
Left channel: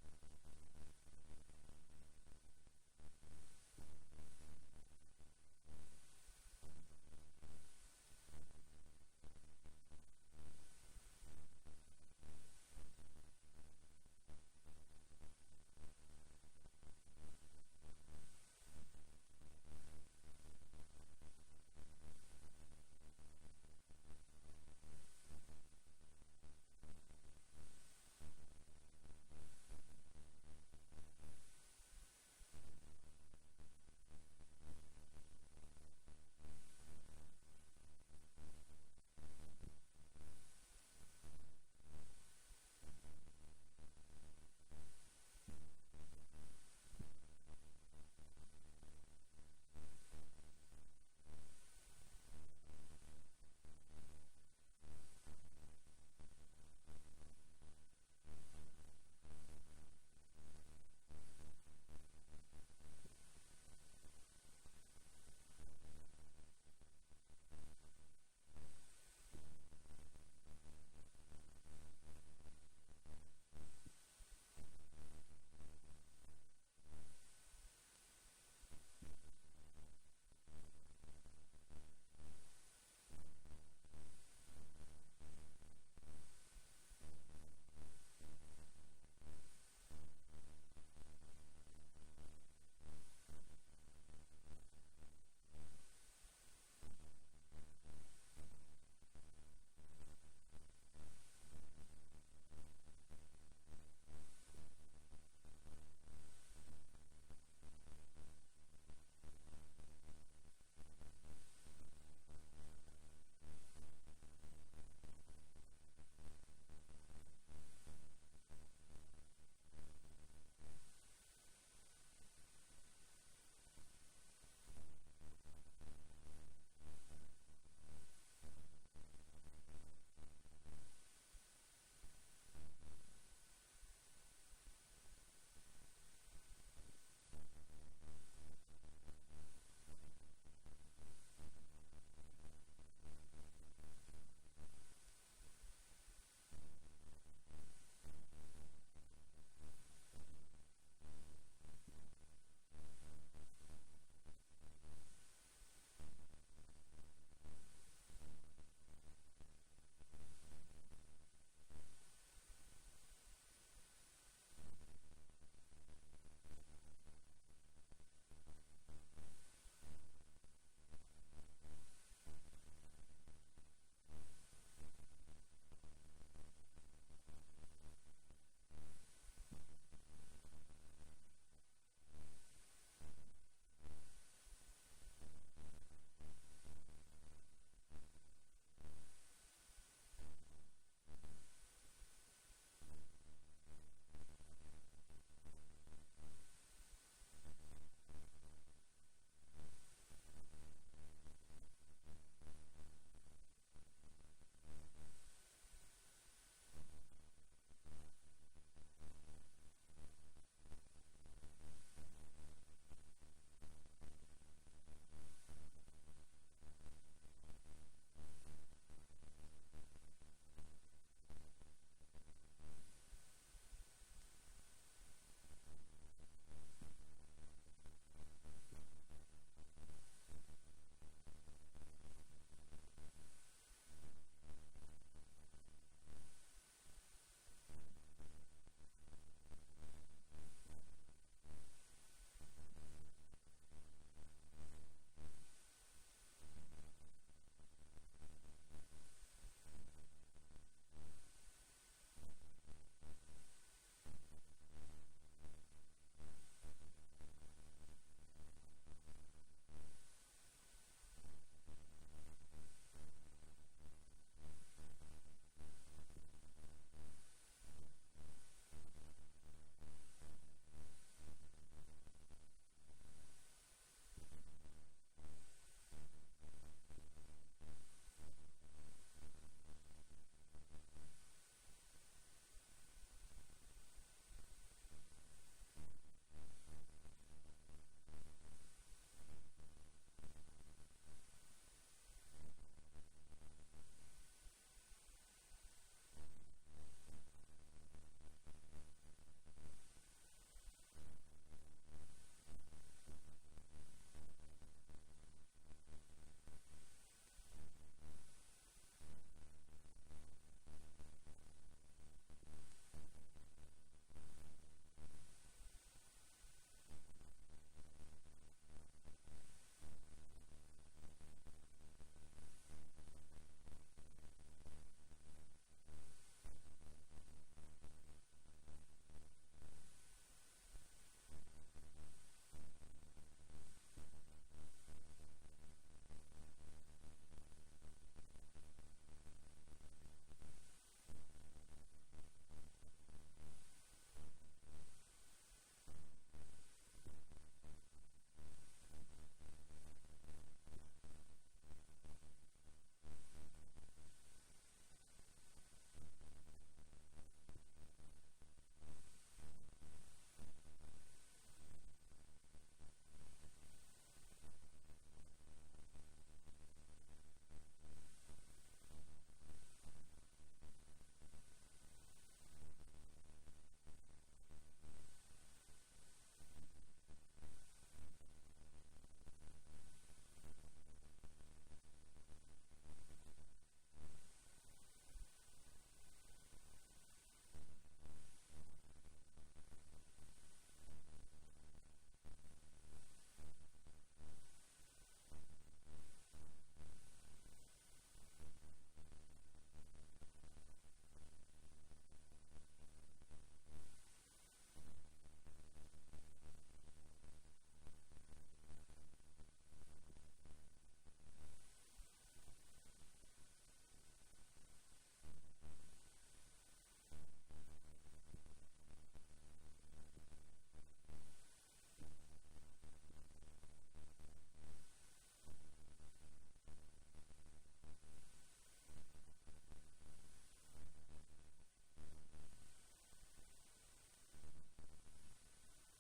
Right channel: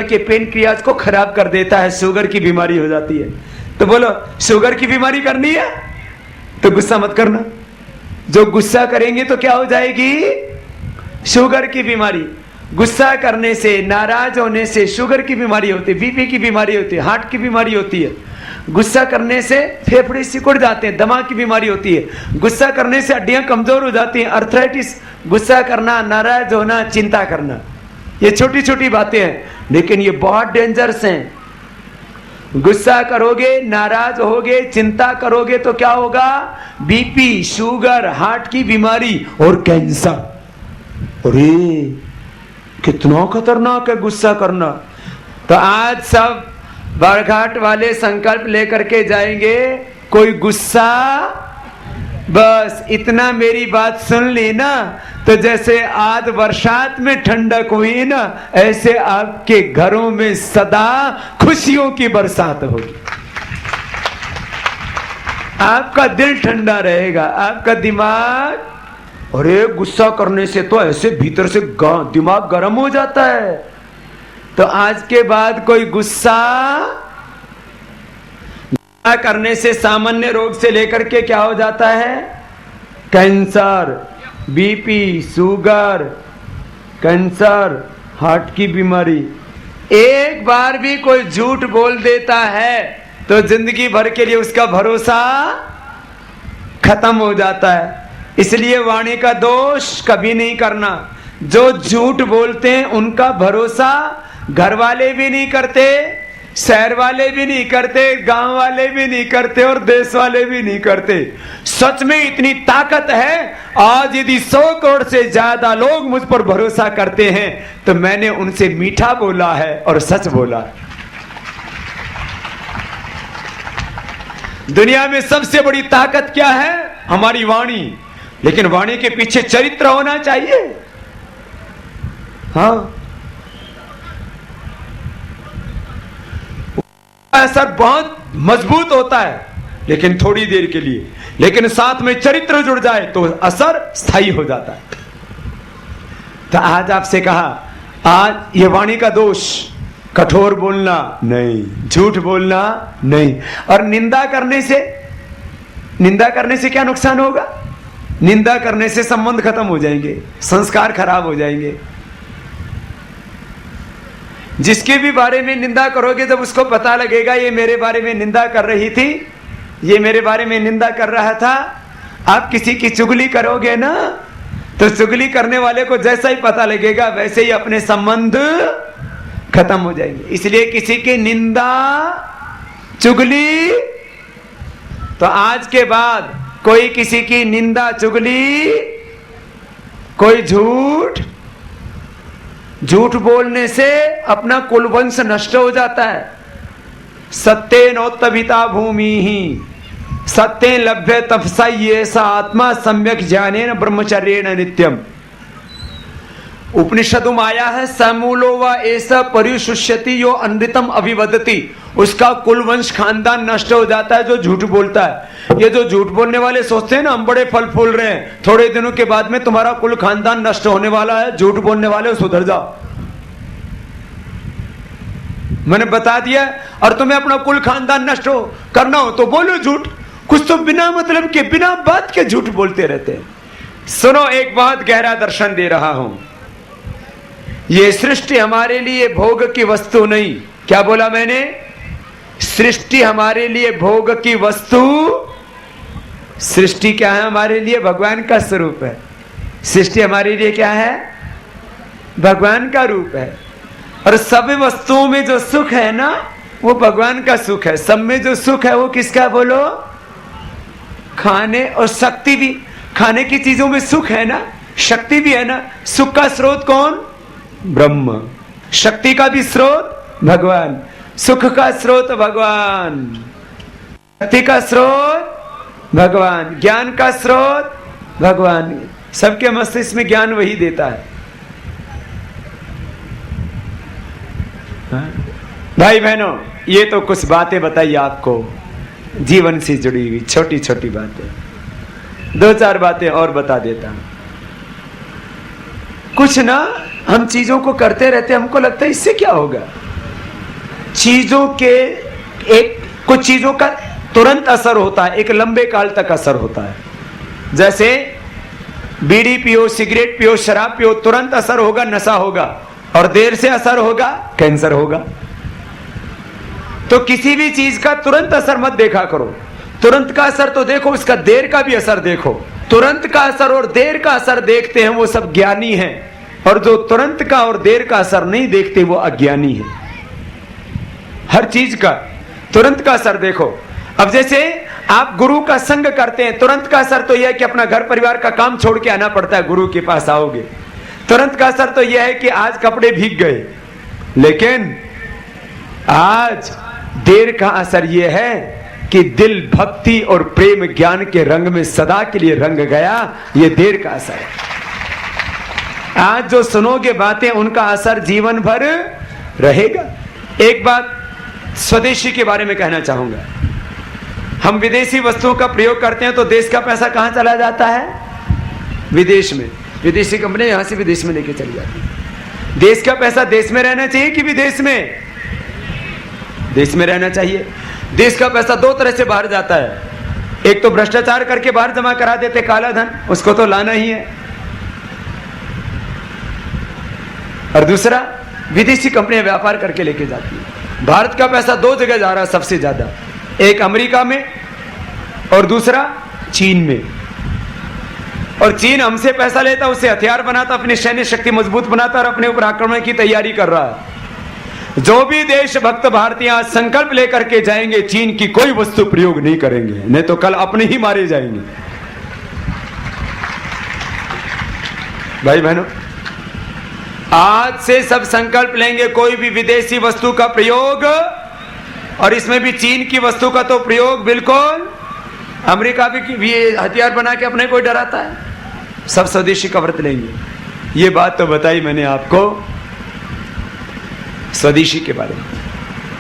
के पेनक्रियाज को खराब कर देता है, शुगर की बीमारी हो जाती है। तो बोलो, शुगर की बीमारी करनी है तो गुस्सा मत करना। जो गुस्सा करेंगे तो क्या हो जाएगी? शुगर की बीमारी। गुस्सा करने से, नाराज होने से शुगर की बीमारी होती है, बीपी की बीमारी होती है, हार्ट की बीमारी होती है। गुस्सा करने से फेफड़े सिकुड़ जाते हैं, दमा की बीमारी होती है। गुस्सा करने से हड्डियां कमजोर हो जाती हैं, अर्थराइटिस। गुस्सा करना, नाराज होना, चिंता करना, ये छोटी छोटी बातें हैं, लेकिन ये बहुत डेंजरस हैं। गुस्सा करोगे, नाराज होगे, चिंता करोगे तो क्या होगा? बीपी, शुगर, हार्ट की बीमारी और कैंसर। अरे कितना खतरनाक है गुस्सा करना। तो आज सब बरघाट वाले संकल्प लेकर के जाएंगे, कोई गुस्सा, बस इतना मेरी बात सुन ली ना, तो जैसे आज बरसात में ठंडक हुई ना, ऐसे आपके घरों में सदा खुशियों की बरसात होगी। आपका दिल ठंडा रहेगा, आपका दिमाग। अरे गुस्सा करने से तो ऐसे भीतर से दिमाग गर्म हो जाता है। तो आज के बाद कोई गुस्सा करने से सामान्य रोग से लेकर के क्या हो जाता है? Cancer, BP, sugar, cancer, heart की बीमारी। एक बार भी कोई झूठ बोल देता है तो जिंदगी भर के लिए उसका भरोसा खत्म हो जाता है। इसलिए वाणी का दोष कभी नहीं करना। जो झूठ बोलते हैं उनका भरोसा घर वाले भी नहीं करते, शहर वाले भी नहीं करते, गांव वाले भी नहीं करते और देश वाले भी नहीं करते। सच में इतनी ताकत है, आज यदि 100 करोड़ से ज्यादा लोग मुझ पर भरोसा करते हैं तो मैंने उनसे मीठा बोला है और सच बोला है। दुनिया में सबसे बड़ी ताकत क्या है? हमारी वाणी। लेकिन वाणी के पीछे चरित्र होना चाहिए। हाँ, असर बहुत मजबूत होता है लेकिन थोड़ी देर के लिए, लेकिन साथ में चरित्र जुड़ जाए तो असर स्थायी हो जाता है। तो आज आपसे कहा, आज ये वाणी का दोष, कठोर बोलना नहीं, झूठ बोलना नहीं। और निंदा करने से क्या नुकसान होगा? निंदा करने से संबंध खत्म हो जाएंगे, संस्कार खराब हो जाएंगे। जिसके भी बारे में निंदा करोगे, जब उसको पता लगेगा ये मेरे बारे में निंदा कर रही थी, ये मेरे बारे में निंदा कर रहा था, आप किसी की चुगली करोगे ना, तो चुगली करने वाले को जैसा ही पता लगेगा वैसे ही अपने संबंध खत्म हो जाएंगे। इसलिए किसी की निंदा चुगली, तो आज के बाद कोई किसी की निंदा चुगली, कोई झूठ बोलने से अपना कुलवंश नष्ट हो जाता है। सत्येनोत्तभिता भूमि ही सत्य लभ्य तपसा ये सा आत्मा सम्यक ज्ञानेन ब्रह्मचर्येण नित्यम। उपनिषदों आया है समूलो व ऐसा परिशुष्यति यो अनृतम अभिवदति, उसका कुल वंश खानदान नष्ट हो जाता है जो झूठ बोलता है। ये जो झूठ बोलने वाले सोचते हैं ना हम बड़े फल फूल रहे हैं, थोड़े दिनों के बाद में तुम्हारा कुल खानदान नष्ट होने वाला है। झूठ बोलने वाले सुधर जाओ, मैंने बता दिया। और तुम्हें अपना कुल खानदान नष्ट हो करना हो तो बोलो झूठ, कुछ तो बिना मतलब के बिना बात के झूठ बोलते रहते हैं। सुनो, एक बहुत गहरा दर्शन दे रहा हूं। ये सृष्टि हमारे लिए भोग की वस्तु नहीं। क्या बोला मैंने? सृष्टि हमारे लिए भोग की वस्तु, सृष्टि क्या है हमारे लिए? भगवान का स्वरूप है। सृष्टि हमारे लिए क्या है? भगवान का रूप है। और सब वस्तुओं में जो सुख है ना वो भगवान का सुख है। सब में जो सुख है वो किसका बोलो? खाने और शक्ति भी, खाने की चीजों में सुख है ना, शक्ति भी है ना। सुख का स्रोत कौन? ब्रह्म। शक्ति का भी स्रोत भगवान, सुख का स्रोत भगवान, शक्ति का स्रोत भगवान, ज्ञान का स्रोत भगवान। सबके मस्तिष्क में ज्ञान वही देता है। भाई बहनों, ये तो कुछ बातें बताई आपको जीवन से जुड़ी हुई छोटी छोटी बातें। दो चार बातें और बता देता हूं। कुछ ना हम चीजों को करते रहते, हमको लगता है इससे क्या होगा। चीजों के कुछ चीजों का तुरंत असर होता है, एक लंबे काल तक असर होता है। जैसे बीड़ी पियो, सिगरेट पियो, शराब पियो, तुरंत असर होगा, नशा होगा, और देर से असर होगा, कैंसर होगा। तो किसी भी चीज का तुरंत असर मत देखा करो। तुरंत का असर तो देखो, उसका देर का भी असर देखो। तुरंत का असर और देर का असर देखते हैं वो सब ज्ञानी हैं, और जो तुरंत का और देर का असर नहीं देखते वो अज्ञानी है। हर चीज का तुरंत का असर देखो। अब जैसे आप गुरु का संग करते हैं, तुरंत का असर तो यह है कि अपना घर परिवार का काम छोड़ के आना पड़ता है, गुरु के पास आओगे। तुरंत का असर तो यह है कि आज कपड़े भीग गए, लेकिन आज देर का असर यह है कि दिल भक्ति और प्रेम ज्ञान के रंग में सदा के लिए रंग गया। यह देर का असर है। आज जो सुनोगे बातें उनका असर जीवन भर रहेगा। एक बात स्वदेशी के बारे में कहना चाहूंगा। हम विदेशी वस्तुओं का प्रयोग करते हैं तो देश का पैसा कहां चला जाता है? विदेश में। विदेशी कंपनी यहां से विदेश में लेके चली जाती है। देश का पैसा देश में रहना चाहिए कि विदेश में? देश में रहना चाहिए। देश का पैसा दो तरह से बाहर जाता है। एक तो भ्रष्टाचार करके बाहर जमा करा देते, काला धन, उसको तो लाना ही है। और दूसरा, विदेशी कंपनियां व्यापार करके लेके जाती है। भारत का पैसा दो जगह जा रहा है सबसे ज्यादा, एक अमेरिका में और दूसरा चीन में। और चीन हमसे पैसा लेता, उससे हथियार बनाता, अपनी सैन्य शक्ति मजबूत बनाता और अपने ऊपर आक्रमण की तैयारी कर रहा है। जो भी देशभक्त भारतीय आज संकल्प लेकर के जाएंगे चीन की कोई वस्तु प्रयोग नहीं करेंगे, नहीं तो कल अपने ही मारे जाएंगे। भाई बहनों, आज से सब संकल्प लेंगे कोई भी विदेशी वस्तु का प्रयोग, और इसमें भी चीन की वस्तु का तो प्रयोग बिल्कुल। अमेरिका भी हथियार बना के अपने को डराता है। सब स्वदेशी का व्रत लेंगे। ये बात तो बताई मैंने आपको स्वदेशी के बारे में।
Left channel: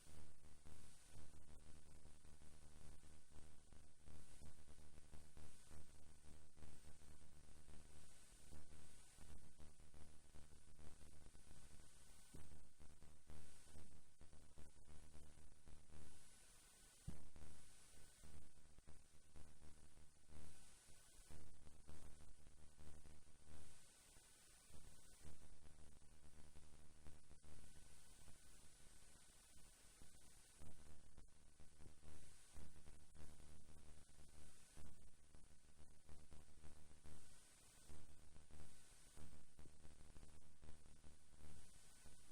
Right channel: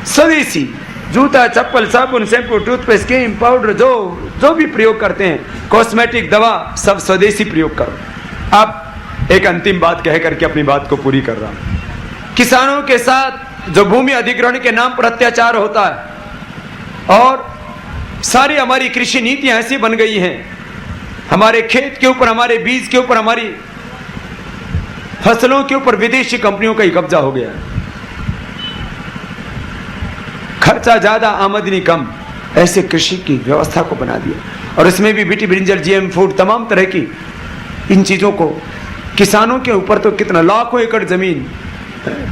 स्वदेशी जूता, चप्पल, साबुन, शैम्पू, टूथपेस्ट, क्रीम, पाउडर, जो भी प्रयोग करते हैं, कॉस्मेटिक, दवा, सब स्वदेशी प्रयोग करो। अब एक अंतिम बात कह करके अपनी बात को पूरी कर रहा हूं। किसानों के साथ जो भूमि अधिग्रहण के नाम पर अत्याचार होता है, और सारी हमारी कृषि नीतियां ऐसी बन गई हैं, हमारे खेत के ऊपर, हमारे बीज के ऊपर, हमारी फसलों के ऊपर विदेशी कंपनियों का ही कब्जा हो गया है। खर्चा ज्यादा आमदनी कम, ऐसे कृषि की व्यवस्था को बना दिया। और इसमें भी बीटी ब्रिंजल, जीएम फूड, तमाम तरह की इन चीजों को, किसानों के ऊपर तो कितना लाखों एकड़ जमीन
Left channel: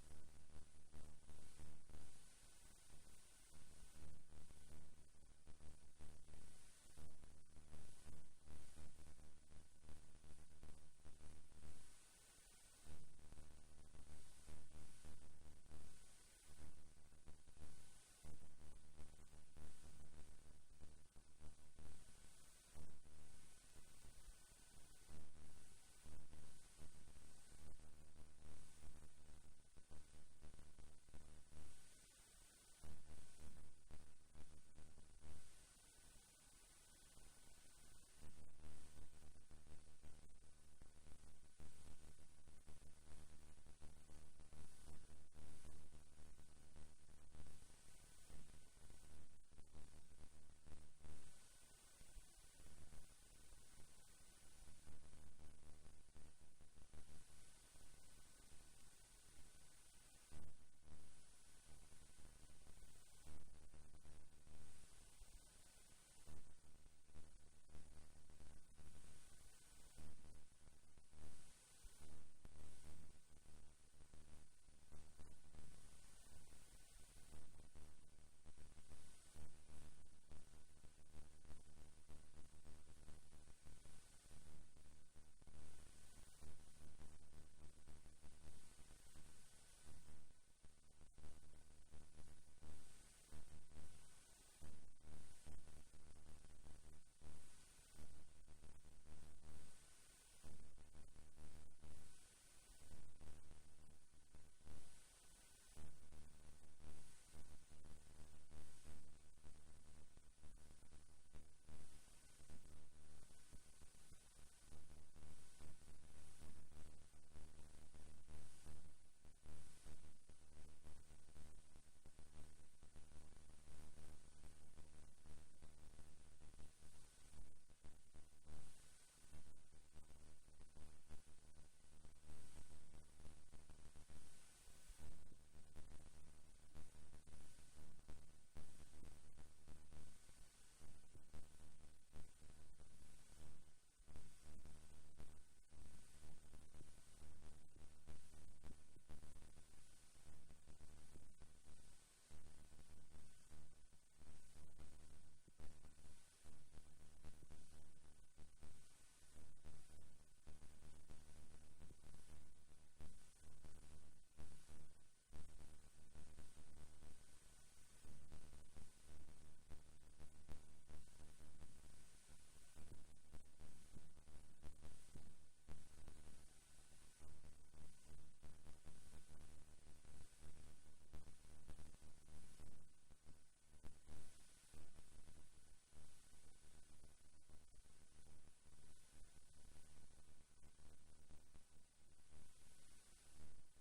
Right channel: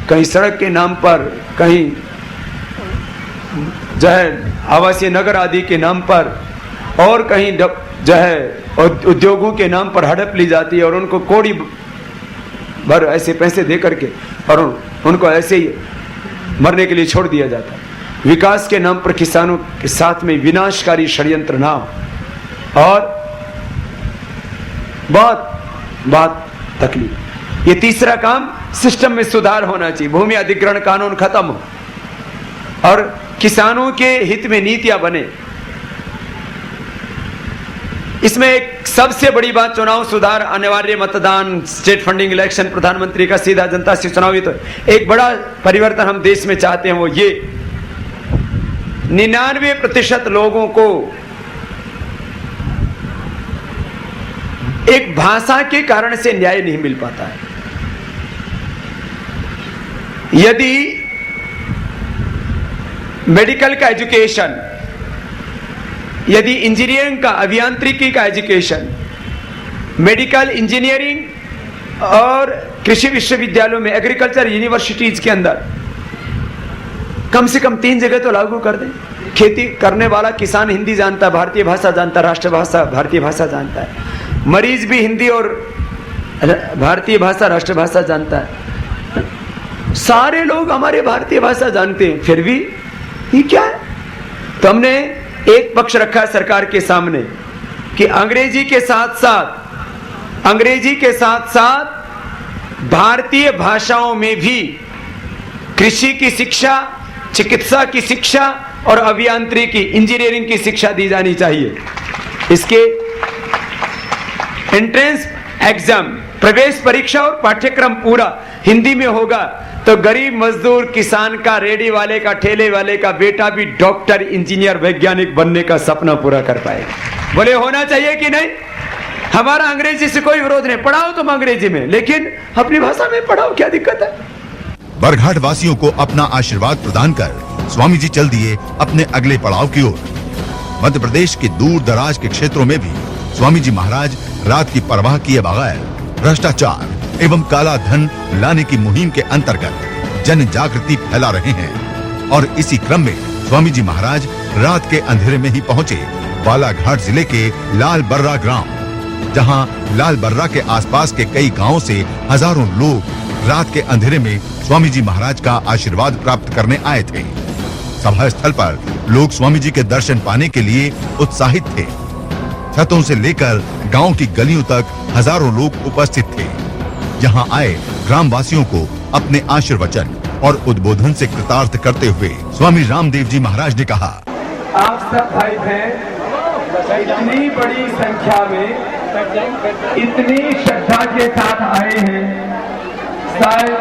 कहीं सड़क के नाम पर, कहीं जो है आवासीय नगर आदि के नाम पर, और कहीं जो है उद्योगों के नाम पर हड़प ली जाती है और उनको कोड़ी भर ऐसे पैसे दे करके और उनको ऐसे ही मरने के लिए छोड़ दिया जाता है। विकास के नाम पर किसानों के साथ में विनाशकारी षड्यंत्र ना हो और बहुत तकलीफ। ये तीसरा काम, सिस्टम में सुधार होना चाहिए, भूमि अधिग्रहण कानून खत्म हो और किसानों के हित में नीतियां बने। इसमें एक सबसे बड़ी बात, चुनाव सुधार, अनिवार्य मतदान, स्टेट फंडिंग इलेक्शन, प्रधानमंत्री का सीधा जनता से चुनाव। तो एक बड़ा परिवर्तन हम देश में चाहते हैं, वो ये 99% लोगों को एक भाषा के कारण से न्याय नहीं मिल पाता है। यदि मेडिकल का एजुकेशन, यदि इंजीनियरिंग का, अभियांत्रिकी का एजुकेशन, मेडिकल इंजीनियरिंग और कृषि विश्वविद्यालयों में, एग्रीकल्चर यूनिवर्सिटीज के अंदर कम से कम 3 जगह तो लागू कर दें। खेती करने वाला किसान हिंदी जानता है, भारतीय भाषा जानता है, राष्ट्रभाषा भारतीय भाषा जानता है, मरीज भी हिंदी और भारतीय भाषा राष्ट्रभाषा जानता है, सारे लोग हमारे भारतीय भाषा जानते हैं, फिर भी ये क्या है? तो हमने एक पक्ष रखा है सरकार के सामने कि अंग्रेजी के साथ साथ भारतीय भाषाओं में भी कृषि की शिक्षा, चिकित्सा की शिक्षा और अभियांत्रिकी, इंजीनियरिंग की शिक्षा दी जानी चाहिए। इसके एंट्रेंस एग्जाम, प्रवेश परीक्षा और पाठ्यक्रम पूरा हिंदी में होगा तो गरीब मजदूर, किसान का, रेडी वाले का, ठेले वाले का बेटा भी डॉक्टर, इंजीनियर, वैज्ञानिक बनने का सपना पूरा कर पाएगा। बोले होना चाहिए कि नहीं? हमारा अंग्रेजी से कोई विरोध नहीं, पढ़ाओ तुम अंग्रेजी में, लेकिन अपनी भाषा में पढ़ाओ, क्या दिक्कत है? बरघाट वासियों को अपना आशीर्वाद प्रदान कर स्वामी जी चल दिए अपने अगले पड़ाव की ओर। मध्य प्रदेश के दूर दराज के क्षेत्रों में भी स्वामी जी महाराज रात की परवाह किए बगैर भ्रष्टाचार एवं काला धन लाने की मुहिम के अंतर्गत जन जागृति फैला रहे हैं। और इसी क्रम में स्वामी जी महाराज रात के अंधेरे में ही पहुंचे बालाघाट जिले के लाल बर्रा ग्राम, जहां लाल बर्रा के आसपास के कई गांवों से हजारों लोग रात के अंधेरे में स्वामी जी महाराज का आशीर्वाद प्राप्त करने आए थे। सभा स्थल पर लोग स्वामी जी के दर्शन पाने के लिए उत्साहित थे। छतों से लेकर गांव की गलियों तक हजारों लोग उपस्थित थे। यहां आए ग्रामवासियों को अपने आशीर्वचन और उद्बोधन से कृतार्थ करते हुए स्वामी रामदेव जी महाराज ने कहा, आप सब भाई बहन इतनी बड़ी संख्या में, इतनी श्रद्धा के साथ आए हैं, शायद,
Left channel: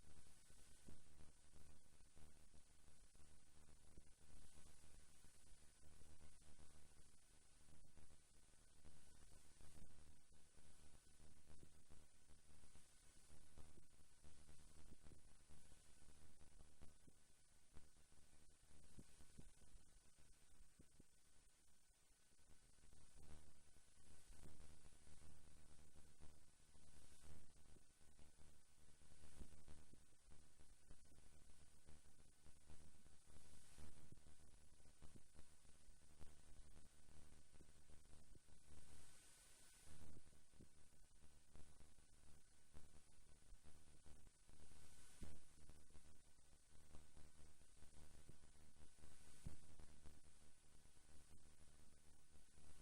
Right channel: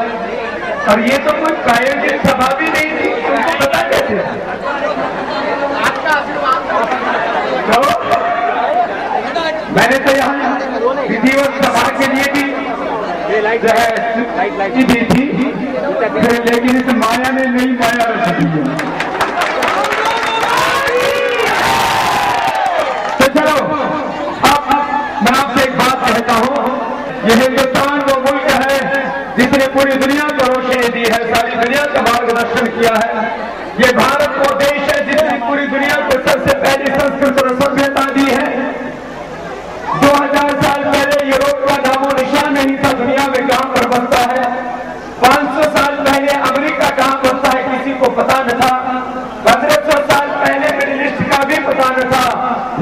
और ये तो कोई प्रायोजित सभा भी नहीं थी, तुमको पता कैसे? तो मैंने तो यहाँ विधिवत सभा के लिए भी जो है दी थी, लेकिन इस माया ने नई माया रच दी है। तो चलो अब मैं आपसे एक बात कहता हूँ, ये हिंदुस्तान वो मुल्क है जिसने पूरी दुनिया को रोशनी दी है, सारी दुनिया का मार्गदर्शन किया है। ये भारत वो देश है जिसने पूरी दुनिया को सबसे पहली संस्कृत और सभ्यता दी है। 2000 साल पहले यूरोप का नामो निशान नहीं था दुनिया में कहां पर बसता है। 500 साल पहले अमेरिका कहां बसता है किसी को पता न था। 1500 साल पहले मिडिल ईस्ट का भी पता न था।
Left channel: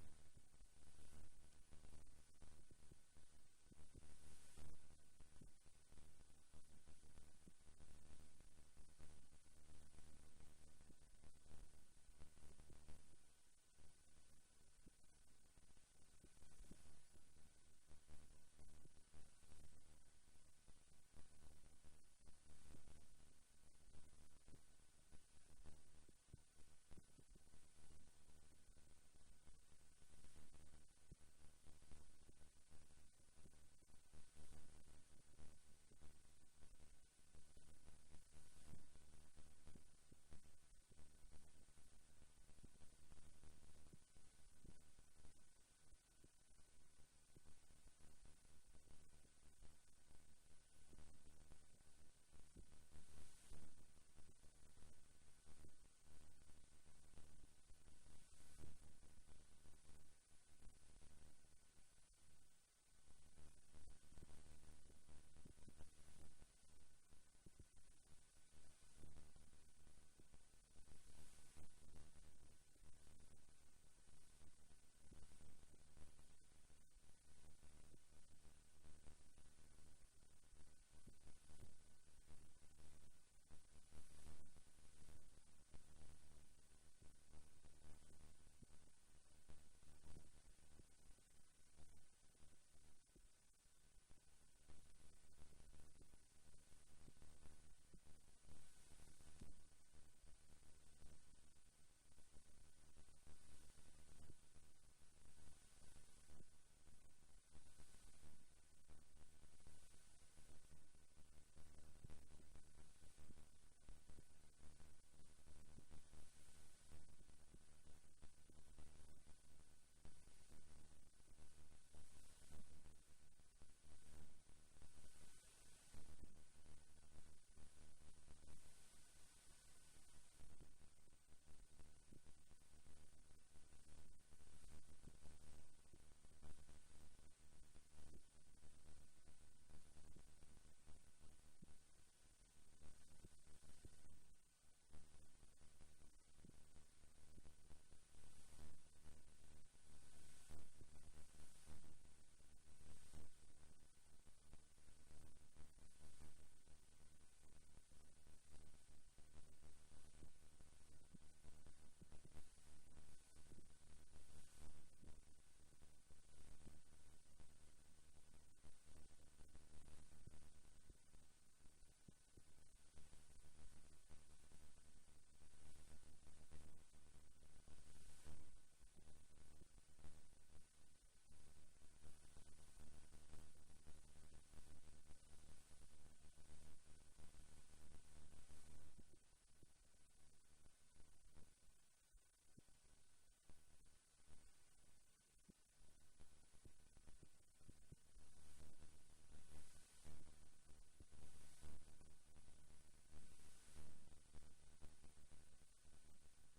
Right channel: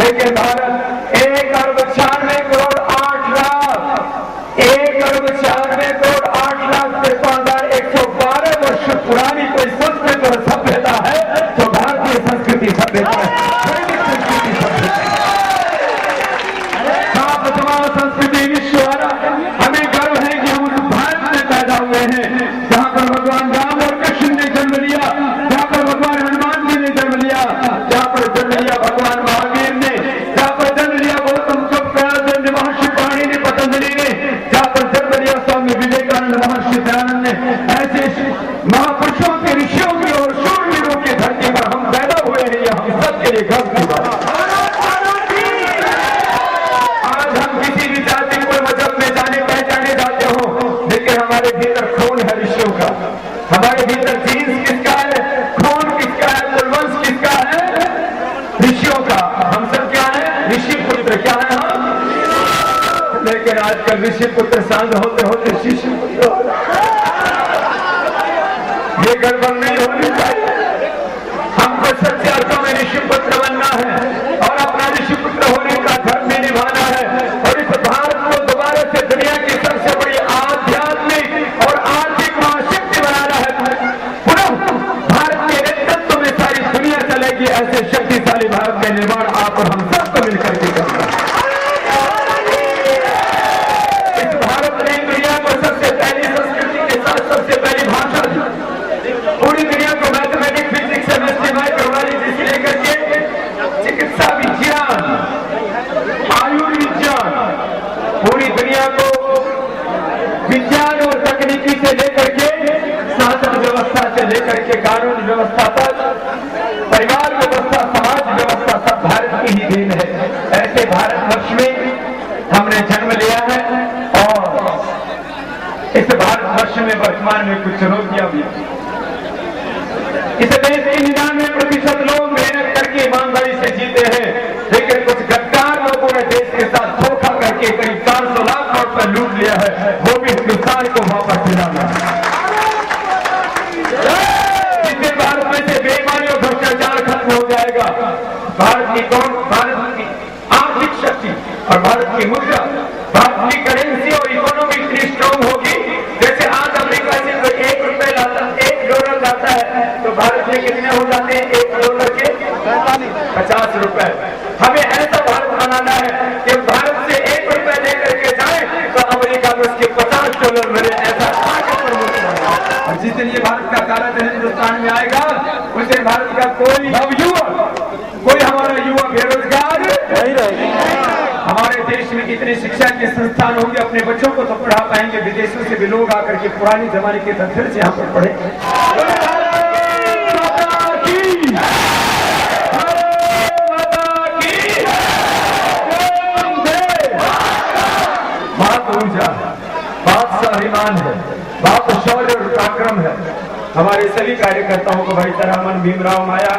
लेकिन भारत 1 अरब 96 करोड़ 8 लाख 1 अरब 96 करोड़ 8 लाख 53,112 वर्ष पुरानी कोई संस्कृति और सभ्यता है तो भारतीय संस्कृति सभ्यता है। संस्कृति विश्व, हमें गर्व है कि हम उस भारत में पैदा हुए हैं जहाँ पर भगवान राम और कृष्ण ने जन्म लिया, जहाँ पर भगवान हनुमान जी ने जन्म लिया, जहाँ पर जन्म लिया भगवान महावीर ने, जहाँ पर जन्म लिया गौतम बुद्ध, महर्षि पाणिनि ने, पतंजलि ने, जहाँ पर जन्म लिया स्वामी विवेकानंद, महर्षि दयानंद ने। ऐसे महापुरुषों के, ऋषियों की और शूरवीरों की धरती पर ऋषि पुत्र सांझ होते होते शिशु पुत्र हो रहा। ये गड़बड़ नहीं होनी चाहिए। हमको सच्चे अर्थों में ऋषि पुत्र बनना है और अपना ऋषि पुत्र होने का धर्म भी निभाना है और इस भारत को दोबारा से दुनिया की सबसे बड़ी आध्यात्मिक और आर्थिक महाशक्ति बनाना है। पुनः भारत के नेतृत्व में सारी दुनिया चलेगी। ऐसे शक्तिशाली भारत का निर्माण आप और हम सबको मिलकर के करना है। इस भारत ने दुनिया को सबसे पहली संस्कृति के साथ सबसे पहली भाषा दी। पूरी दुनिया को मैथमेटिक्स फिजिक्स केमिस्ट्री माइक्रोबायोलॉजी से लेकर के चिकित्सा विज्ञान आयुर्विज्ञान पूरी दुनिया को विज्ञान और तकनीकी से लेकर के शासन व्यवस्था से लेकर के कानून व्यवस्था तक परिवार व्यवस्था समाज व्यवस्था सब भारत की ही देन है। ऐसे भारतवर्ष में हमने जन्म लिया है और इस भारतवर्ष में वर्तमान में कुछ चुनौतियां भी हैं। इस देश के 99% लोग मेहनत करके ईमानदारी से जीते हैं, लेकिन कुछ गद्दार लोगों ने देश के साथ धोखा करके करीब 400 लाख करोड़ रुपए लूट लिया है। वो भी हिंदुस्तान को वापस दिलाना है। जिससे भारत में से बेईमानी और भ्रष्टाचार खत्म हो जाएगा। भारत की आर्थिक शक्ति और भारत की मुद्रा, भारत की करेंसी और इकोनॉमी इतनी स्ट्रॉन्ग होगी। जैसे आज अमेरिका से कोई $1 लाता है तो भारत में कितने हो जाते हैं $1 के 50 रुपए। हमें ऐसा भारत बनाना है कि भारत से $1 लेकर के जाए तो अमेरिका में उसके $50 मिले। ऐसा और जिस दिन ये भारत का काला धन हिंदुस्तान में आएगा उस दिन भारत का कोई हमारा युवा बेरोजगार नहीं रहेगा। हमारे देश में कितने शिक्षा के संस्थान होंगे, अपने बच्चों को तो पढ़ा पाएंगे। विदेशों से भी लोग आकर के पुराने जमाने के तथ्य से यहाँ पर पढ़े। बात ऊर्जा, बात स्वाभिमान है, बात शौर्य और पराक्रम है। हमारे सभी कार्यकर्ताओं को भाई तरामन भीमराव माया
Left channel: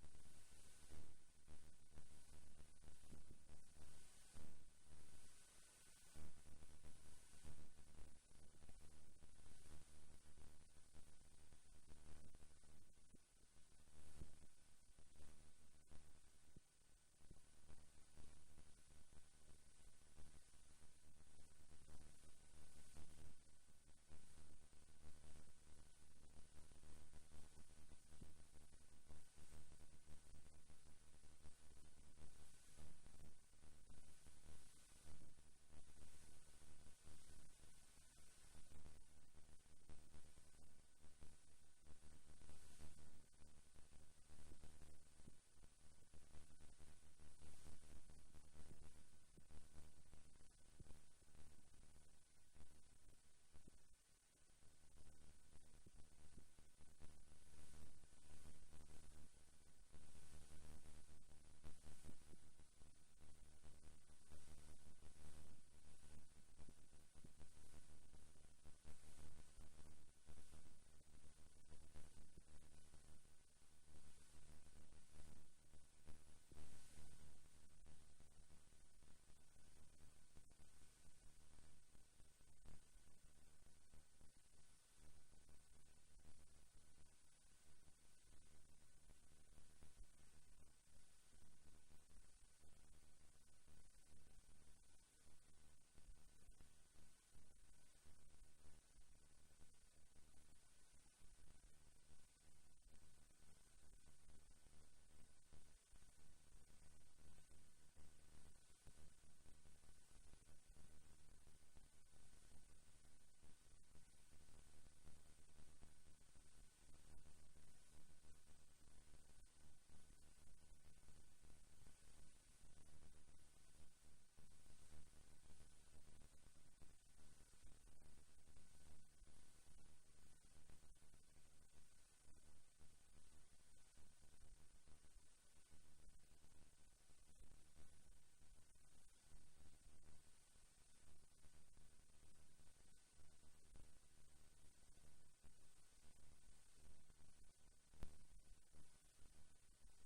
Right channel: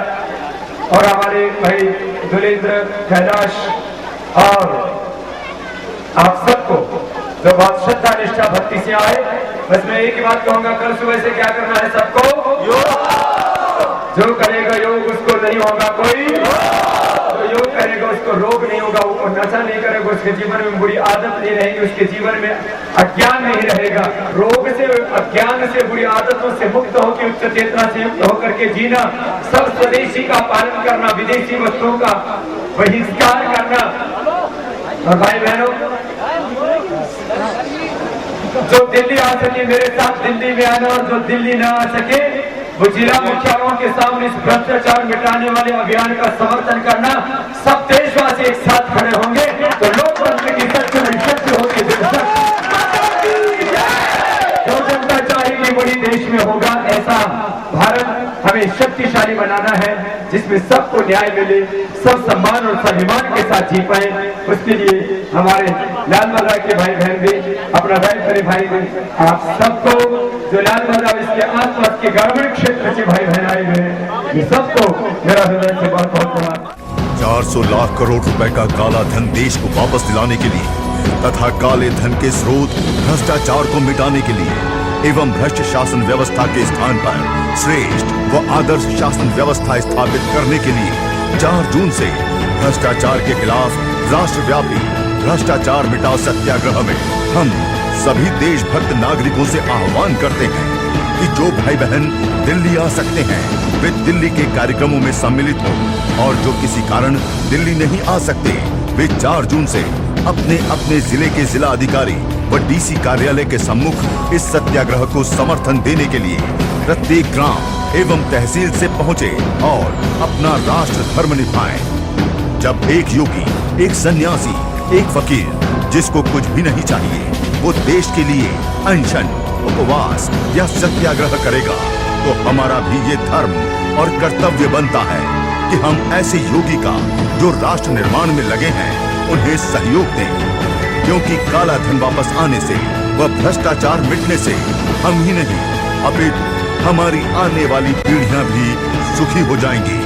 और हमारे भाई दुलेंद्र कैलाश और आप सबको जो बहुत श्रद्धा निष्ठा भक्ति से आए, बस मैं एक ही बात कहूंगा, कल सुबह से क्या करना है सबको? जो करेगा योग उसको नहीं होगा कोई, जो योग करेगा उसको रोग नहीं होगा, वो नशा नहीं करेगा उसके जीवन में बुरी आदत नहीं रहेगी, उसके जीवन में अज्ञान नहीं रहेगा। रोग से अज्ञान से बुरी आदतों से मुक्त होकर उच्च चेतना से युक्त होकर के जीना, सब स्वदेशी का पालन करना, विदेशी वस्तुओं का बहिष्कार करना। और भाई बहनों, जो दिल्ली आ सके मेरे साथ दिल्ली में आना, और जो दिल्ली ना आ सके वो जिला मुख्यालयों के सामने इस भ्रष्टाचार मिटाने वाले अभियान का समर्थन करना। सब देशवासी एक साथ खड़े होंगे तो लोकतंत्र की सच्ची शक्ति होगी। जो जनता चाहेगी वही देश में होगा। ऐसा भारत हमें शक्तिशाली बनाना है जिसमें सबको न्याय मिले, सब सम्मान और स्वाभिमान के साथ जी पाए। उसके लिए हमारे लाल बहादुर के भाई बहन भी अपना दायित्व भाई भी, आप सबको जो लाल बहादुर इसके आसपास के ग्रामीण क्षेत्र से भाई बहन आए हुए हैं, ये सबको मेरा हृदय से बहुत बहुत धन्यवाद। 400 लाख करोड़ रुपए का काला धन देश को वापस दिलाने के लिए तथा काले धन के स्रोत भ्रष्टाचार को मिटाने के लिए एवं भ्रष्ट शासन व्यवस्था के स्थान पर श्रेष्ठ व आदर्श शासन व्यवस्था स्थापित करने के लिए 4 जून से भ्रष्टाचार के खिलाफ राष्ट्रव्यापी भ्रष्टाचार मिटाओ सत्याग्रह में हम सभी देशभक्त नागरिकों से आह्वान करते हैं कि जो भाई बहन दिल्ली आ सकते हैं वे दिल्ली के कार्यक्रमों में सम्मिलित हो, और जो किसी कारण दिल्ली नहीं आ सकते वे 4 जून से अपने अपने जिले के जिला अधिकारी व डीसी कार्यालय के सम्मुख इस सत्याग्रह को समर्थन देने के लिए प्रत्येक ग्राम एवं तहसील से पहुंचे और अपना राष्ट्र धर्म निभाएं। जब एक योगी, एक सन्यासी, एक फकीर जिसको कुछ भी नहीं चाहिए वो देश के लिए अनशन, उपवास या सत्याग्रह करेगा तो हमारा भी ये धर्म और कर्तव्य बनता है कि हम ऐसे योगी का जो राष्ट्र निर्माण में लगे हैं उन्हें सहयोग दें, क्योंकि काला धन वापस आने से व भ्रष्टाचार मिटने से हम ही नहीं अपितु हमारी आने वाली पीढ़ियां भी सुखी हो जाएंगी।